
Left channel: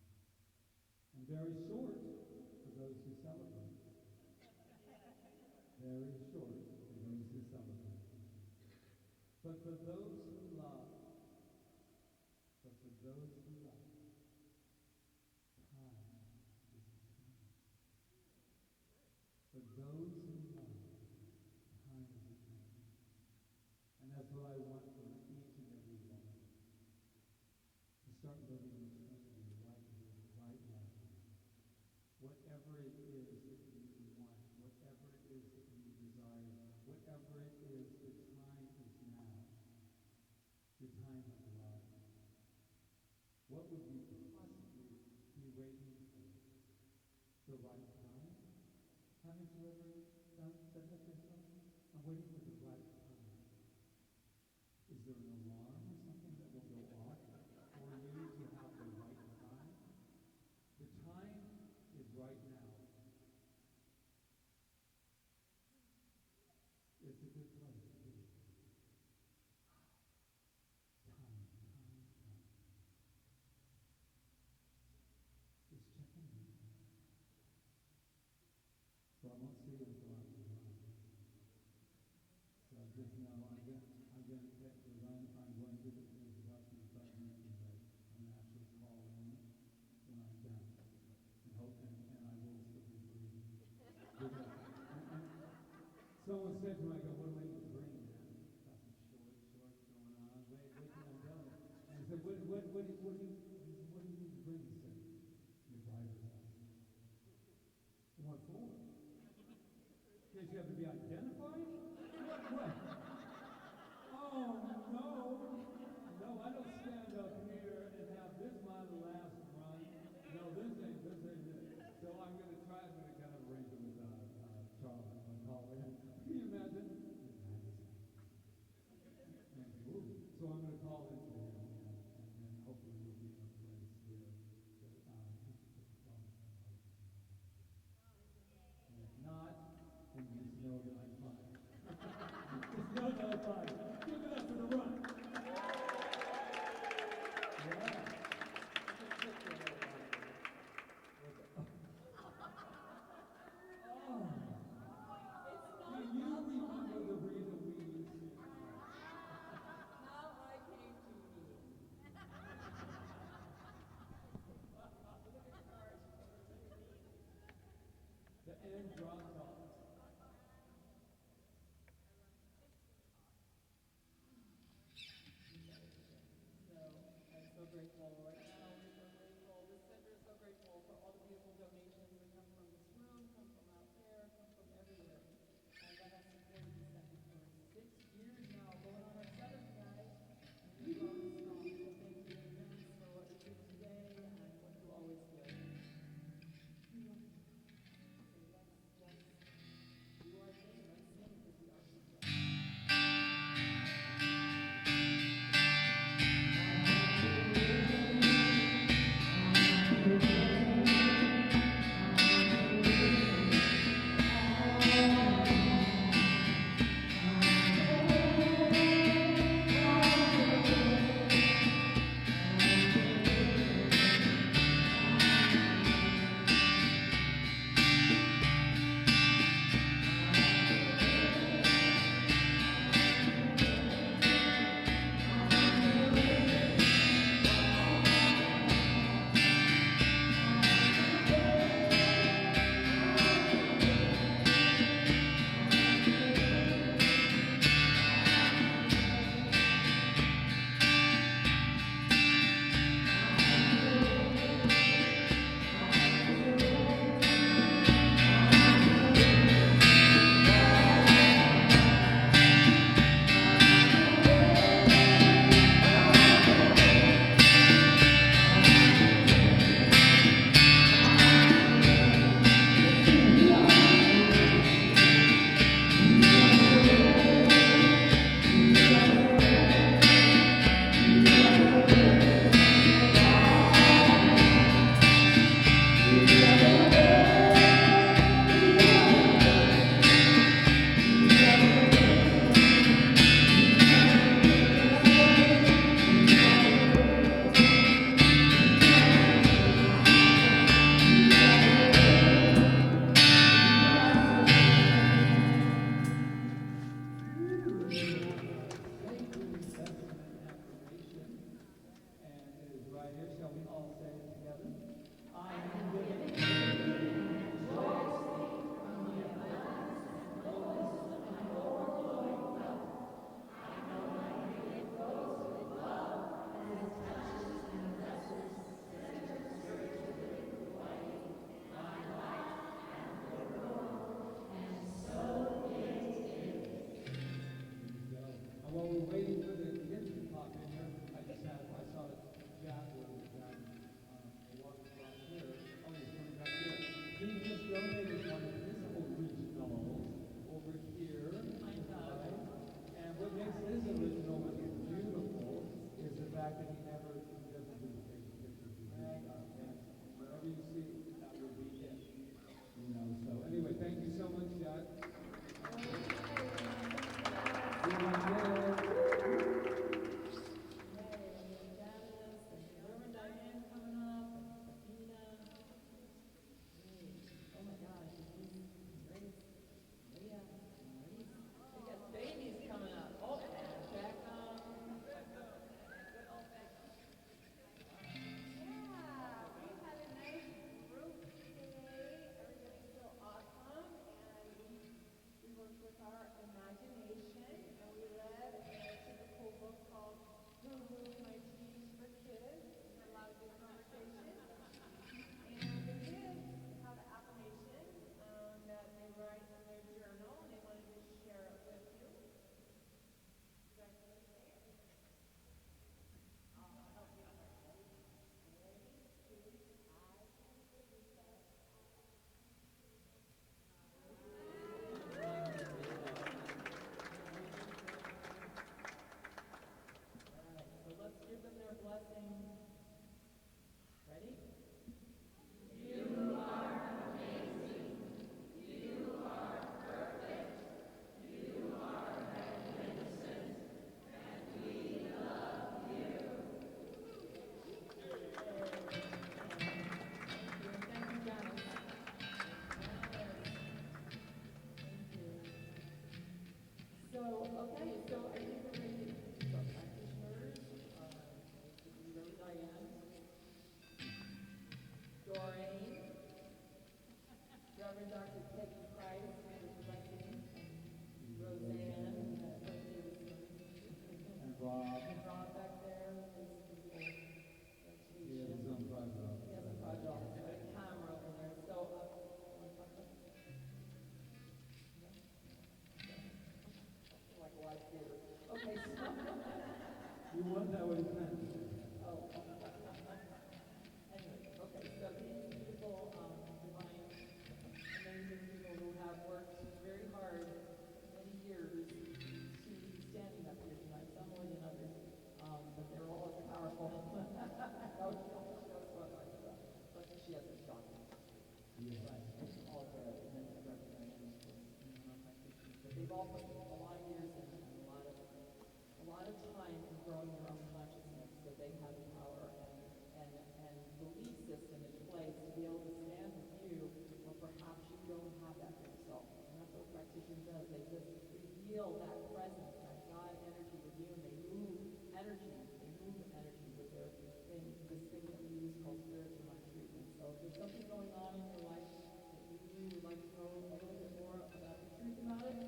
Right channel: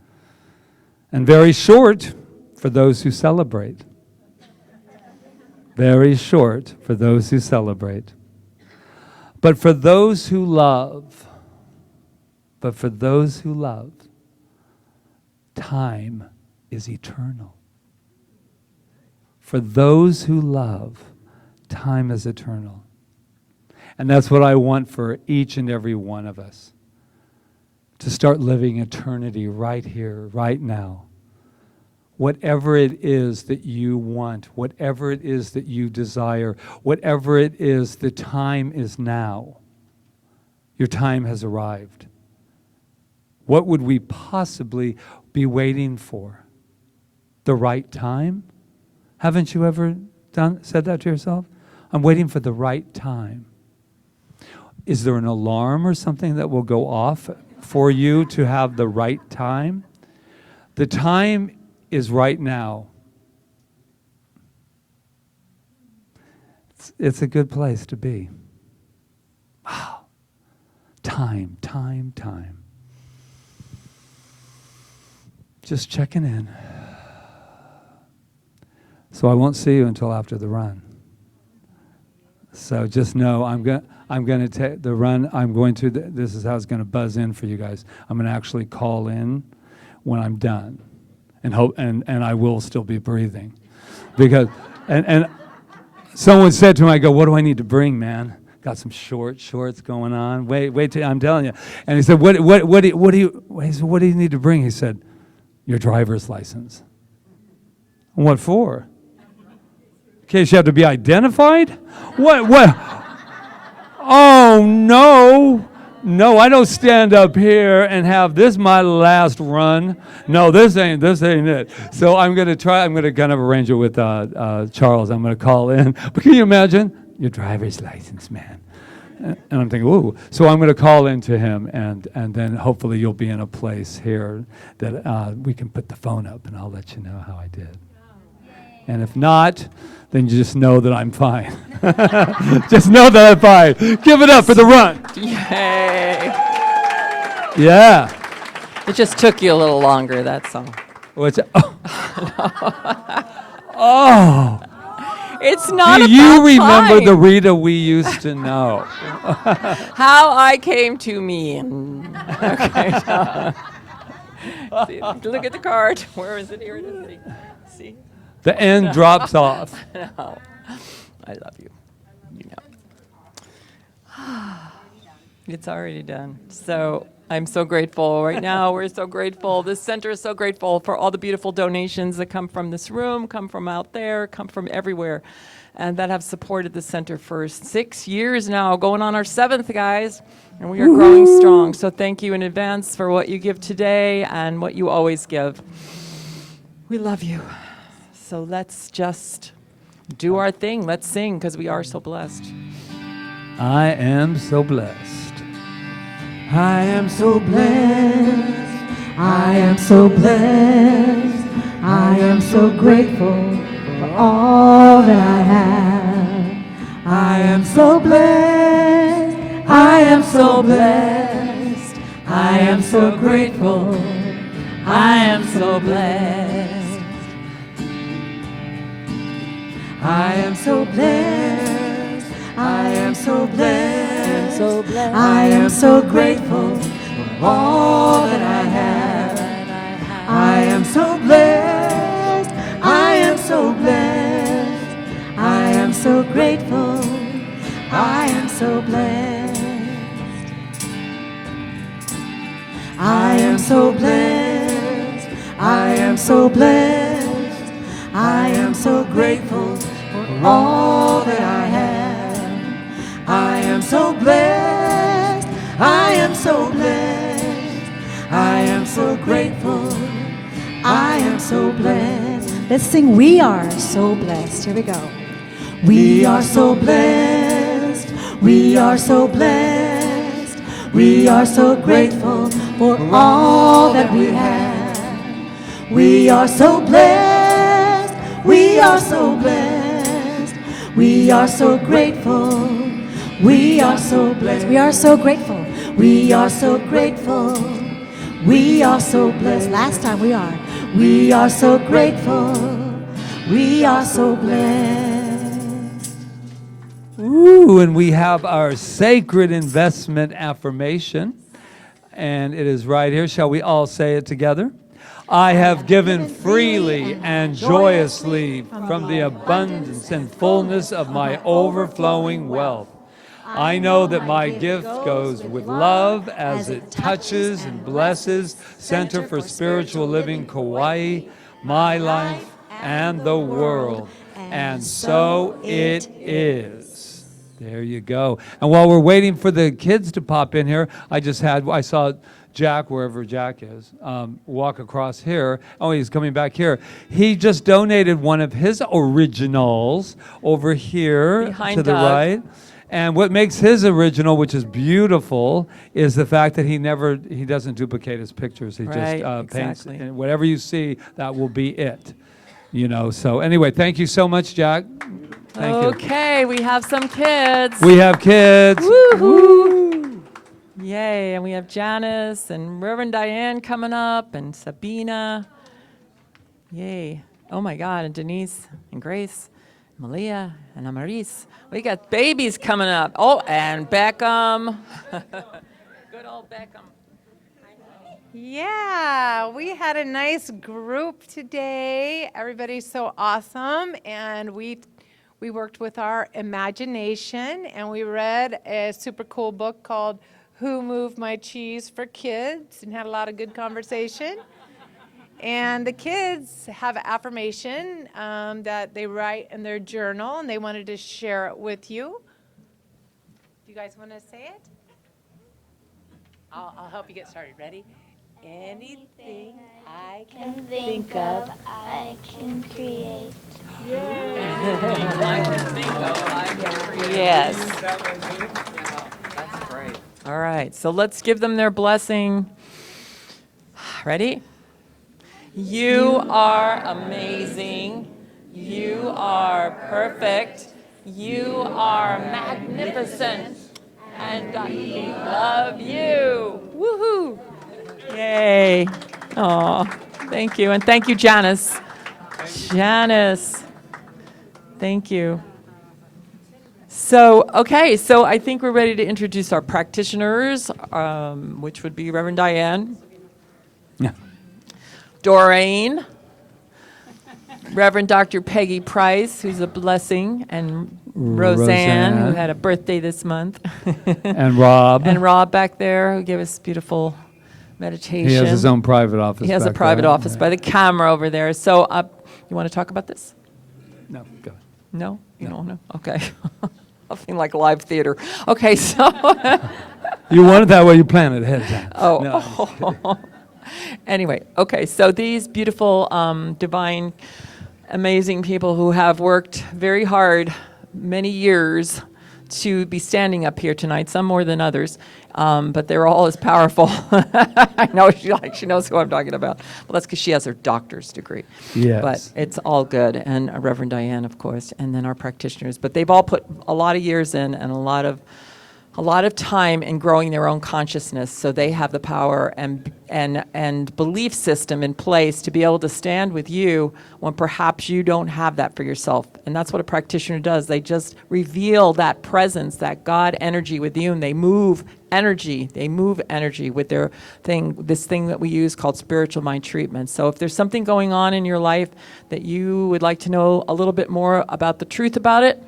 And very short for those who celebrate. Very short for those who celebrate. But for those who love, time is eternal. For those who love, time is eternal. And that's what I want for each and every one of us. To start living eternity right here, right now. Whatever it is that you want, whatever it is that you desire, whatever it is, the time is now. Your time has arrived. What would we possibly be waiting for? The right time? Haven't you ever said that to yourself? I'm waiting for the right time. Is there an alarm or something that will go off for you to have the right time? The time is right now. It's a good place to be. Wow. Time. Just checking in. So I won't see you until after the run. So just know I'm going to take the run. I'm going to. This is how it's going to buzz in for you guys. I'm going to actually call in when I'm done, and hope and I will still be breathing, because and someone said to me, I go, what do I need to bring, man? Got some shorts going on. Wait till I'm telling you. And he said, what do you need to bring? He said, your driver's license. What for? In case you have to be identified? What? Oh, no, I don't stand up here and have this my last run. No, this ain't it. So I'm going to kind of arrange it with Charles. I'm going to call in. But can you imagine? Your driver's license, man. And I'm thinking, ooh. So I'm going to call into him, and then hopefully you'll be in a place here that we can put the phone up, and I'll let you know how I did. And if not, then you just know that I'm fine. Just know that I'm fine. Give it up for the run. Yay. Yeah. It just took you a little longer, that's all. What's oh. It's not Do about you remember time. the Rita we used to know? How I came to me. Okay. See, look at the card. Where is it? Here it is. See? The end drops off. No. I love you. You know. It's already done. So I'm so grateful. Right now, we're so grateful. This center is so grateful for all the beautiful donations that come from this room, come from out there, come from everywhere, and that have supported the center for 6 years now, going on our 7th, guys, and we are growing strong. So thank you in advance for what you give today and what you always give. We love you. So let's just do our thing. Let's sing, because we are so blessed. I am so blessed. I am so blessed. I am so blessed. I am so grateful for all that I have. I am so blessed. I am so blessed. I am so grateful. I am so blessed. I am so blessed. I am so blessed. I am so grateful for all that I have. I am so blessed. I am so blessed. I am so grateful. I am so blessed. I am so blessed. I am so blessed. I am so grateful for all that I have. I am so blessed. I am so blessed. I am so grateful. I am so blessed. Let's sing, we are so blessed. Here we go. We are so blessed. We are so blessed. We are so grateful for all that we have. We are so blessed. We are so blessed. We are so grateful. We are so blessed. We are so grateful. We are so grateful. We are so blessed. Last time we are. We are so grateful. We are so blessed. Ooh, and we have our sacred investment affirmation. And it is right here. Shall we all say it together? I have given freely and joyously from the abundance and fullness of my overflowing wealth. I know that my gift goes with love as it touches and blesses Center for Spiritual Living Kauai, my life, and the world. And so it is. There you go. And while we're waiting for the kids to pop in here, I saw Jack, wherever Jack is, walk across here. Oh, he's coming back here. He just donated one of his originals over here Behind to the Doug. right. And what makes his original, which is beautiful, is the fact that he doesn't duplicate his pictures. He Right, just paints, exactly. and whatever you see, that will be it. You know, so anyway, thank you so much, Jack. Thank you. Okay, we have some kids. We have kids. Woohoo! Yay, and we have Janice and Reverend Diane coming up and Sabina. Yay. Oh my God, and Denise and Grace, Malia and Amaris. We got babies coming up. Oh, and Beckham. Good old Beckham. Yeah, we had a nice group today. Everybody's so awesome, and we worked with our imagination, and we read a super cool book called Who Moved My Cheese for Kids, and had a lot of good conversation. And the kids have an affirmation that they write in their journal, and they wanted to share it with you. Do you guys want to say it? I'll help you get started. Ready? Anything I can think of, I can create. Yes. That's great. All right, so let's give them their blessing. Ready? You are amazing. You are perfect. You are magnificent. And we love you. Woohoo! Yay. Oh, thank you. And thank you, Janice. Janice. Thank you. So, okay, so I think we're ready to introduce our practitioners, which would be Reverend Diane. Yeah. Doreen, Reverend Dr. Peggy Price, who's a blessing, and Roseanne, who had a birthday this month. And Rob. And Rob back there, who gave us beautiful meditation. He has his own private office. He has a back private there. office by the camera over there. So you want to talk about this? No, go. No? You don't know? Okay. Nothing like live theater. Okay, so. You want it that way, you plan it ahead of time. Oh. No. Anyway, okay, so these beautiful, divine, amazing people who have worked very hard many years to be standing up here tonight, some more than others, but they're all as powerful. I know she knows who I'm talking about. Well, that's because she has her doctor's degree. Yes. But it's all good, and Reverend Diane, of course, and then our practitioners. But they've all put a lot of years in and a lot of time in growing their own consciousness, so they have the power and belief system in place to be able to stand with you when perhaps you don't have that for yourself. And that's what a practitioner does. They just reveal that presence, that God energy with you, and they move energy. They move energy with their thing, this thing that we use called spiritual mind treatment. So if there's something going on in your life that you would like to know a little bit more about the truth about it,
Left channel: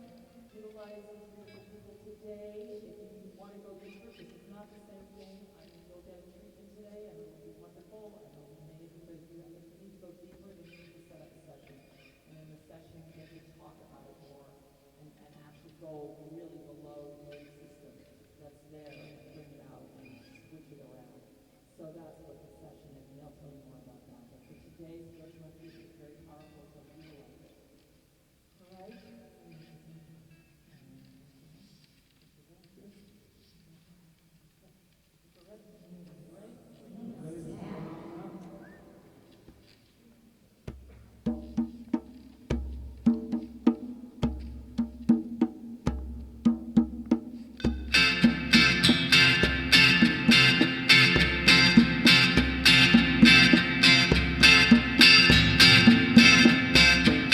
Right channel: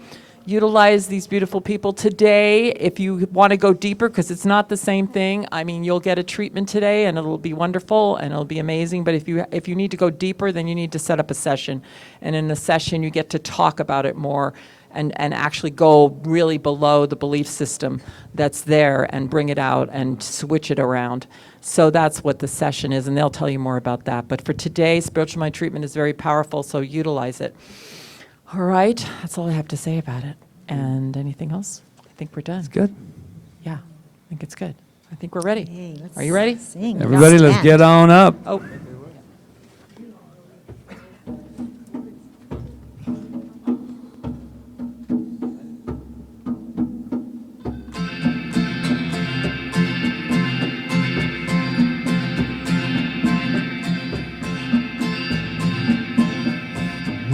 utilize these beautiful people today. If you want to go deeper, because it's not the same thing, I mean, you'll get a treatment today and it'll be wonderful and it'll be amazing. But if you need to go deeper, then you need to set up a session. And in the session, you get to talk about it more and actually go really below the belief system that's there and bring it out and switch it around. So that's what the session is, and they'll tell you more about that. But for today, spiritual mind treatment is very powerful, so utilize it. All right, that's all I have to say about it. And anything else? I think we're done. It's good. Yeah, I think it's good. I think we're ready. Are you ready? Sing. Everybody, let's get on up. Oh.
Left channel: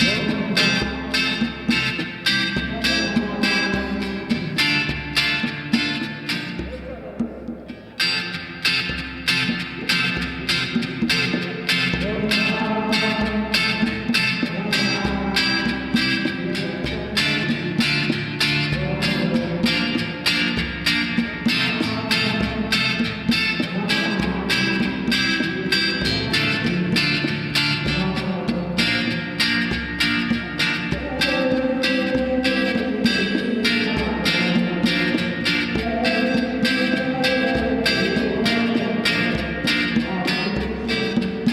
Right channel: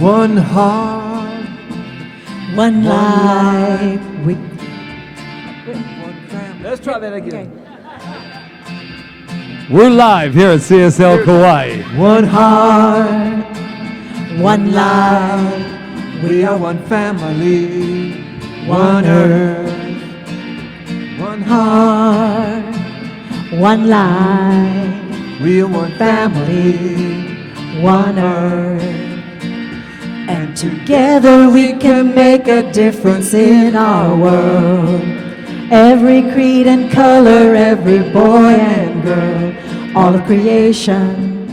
One heart, one life. Let's try that again. We're live here at CSL Kauai. One heart, one life. We are one family, one earth. One heart, one life. We are one family, one earth. And together we can make a difference in our world. Every creed and color, every boy and girl. all of creation,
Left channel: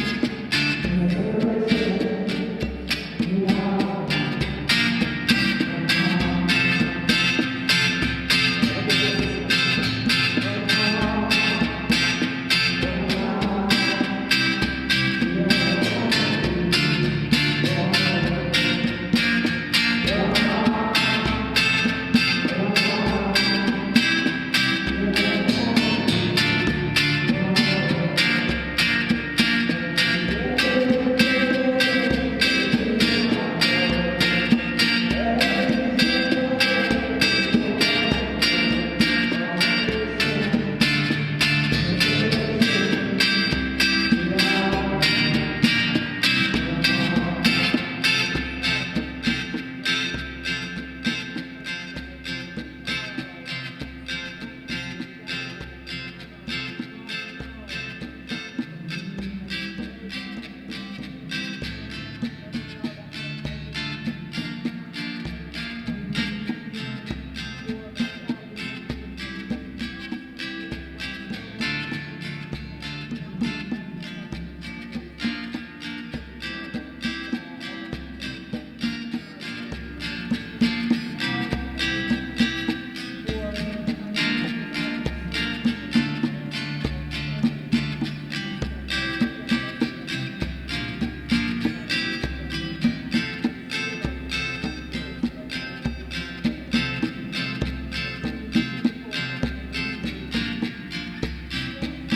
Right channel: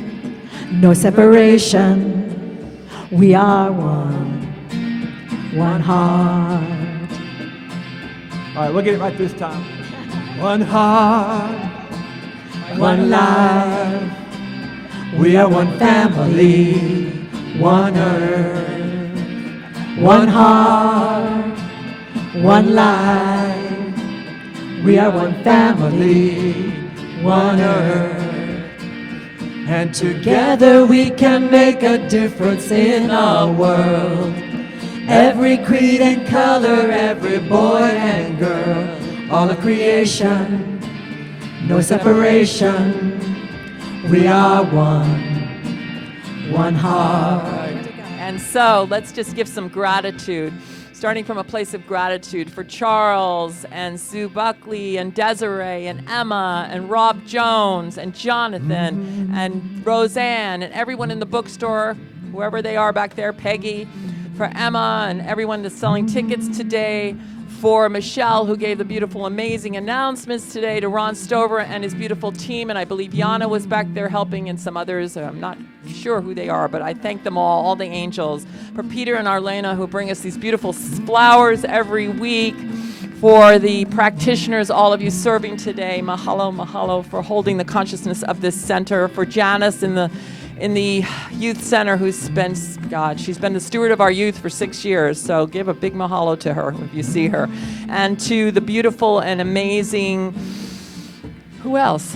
no separation. We are one heart. All right, we'll get it like this time. One heart, one life. We are one family, one earth. One heart, one life. We are one family, one earth. And together we can make a difference in our world. Every creed and color, every boy and girl, all of creation, no separation. We are one heart. And so let's just give some gratitude, starting from a place of gratitude for Charles and Sue Buckley and Desiree and Emma and Rob Jones and Jonathan and Roseanne and everyone in the bookstore, whoever they are back there, Peggy, for Emma and everyone that's selling tickets today, for Michelle, who gave the beautiful, amazing announcements today, to Ron Stover and his beautiful team, and I believe Yana was back there helping, and some others, and I'm not sure who they are, but I thank them all the angels. For Peter and Arlena, who bring us these beautiful flowers every week. For the practitioners, all of you serving today, mahalo, mahalo, for holding the consciousness of this center. For Janice in the youth center, she's been the steward of our youth for 6 years, so give a big mahalo to her if you see her. And to the beautiful and amazing, who else?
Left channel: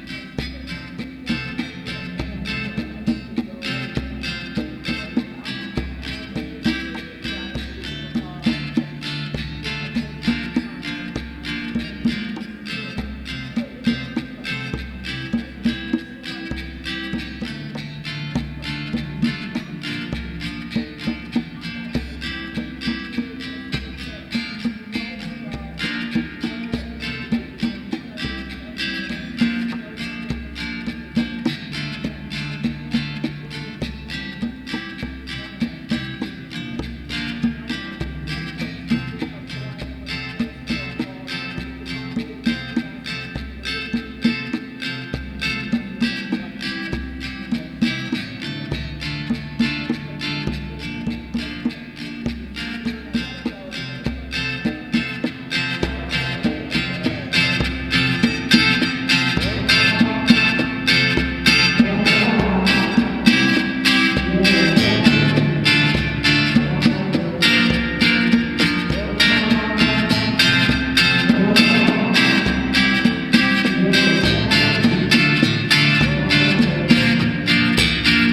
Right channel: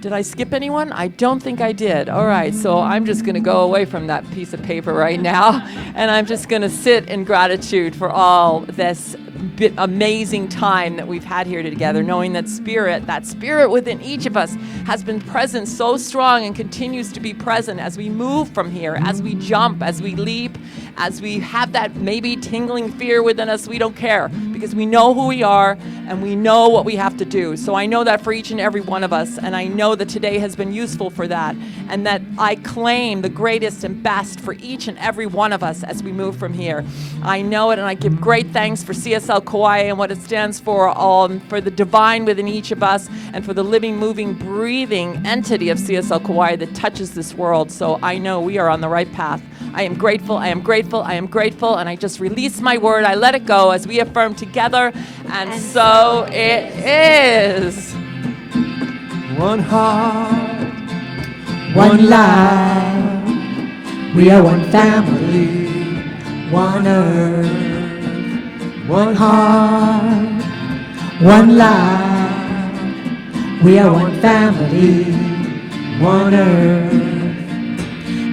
Did I skip anyone? I don't think I did. All right, so I'm just gonna go away from that piece of paper right now, and I'm just gonna sit in gratitude for all this amazing time that we've had here together, knowing that spirit within each of us has been present so strong and continues to be present as we move from here, as we jump, as we leap, as we have that maybe tingling fear within us. We don't care, because we know who we are and we know what we have to do. So I know that for each and every one of us, and I know that today has been useful for that, and that I claim the greatest and best for each and every one of us as we move from here. I know it, and I give great thanks for CSL Kauai and what it stands for the divine within each of us, and for the living, moving, breathing entity of CSL Kauai that touches this world. So I know we are on the right path. I am grateful, I am grateful, I am grateful, and I just release my word. I let it go as we affirm together, and so it is. One heart, one life. We are one family, one earth. One heart, one life. We are one family, one earth.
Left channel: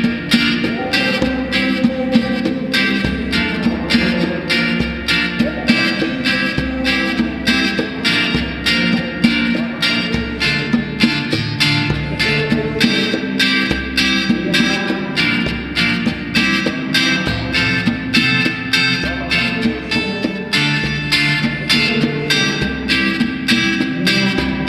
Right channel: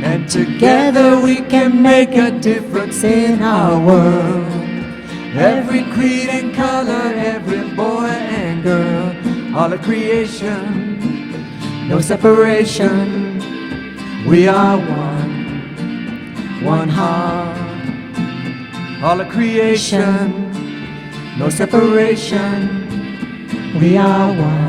And together we can make a difference in our world. Every creed and color, every boy and girl, all of creation, no separation. We are one heart, all of creation, no separation. We are one.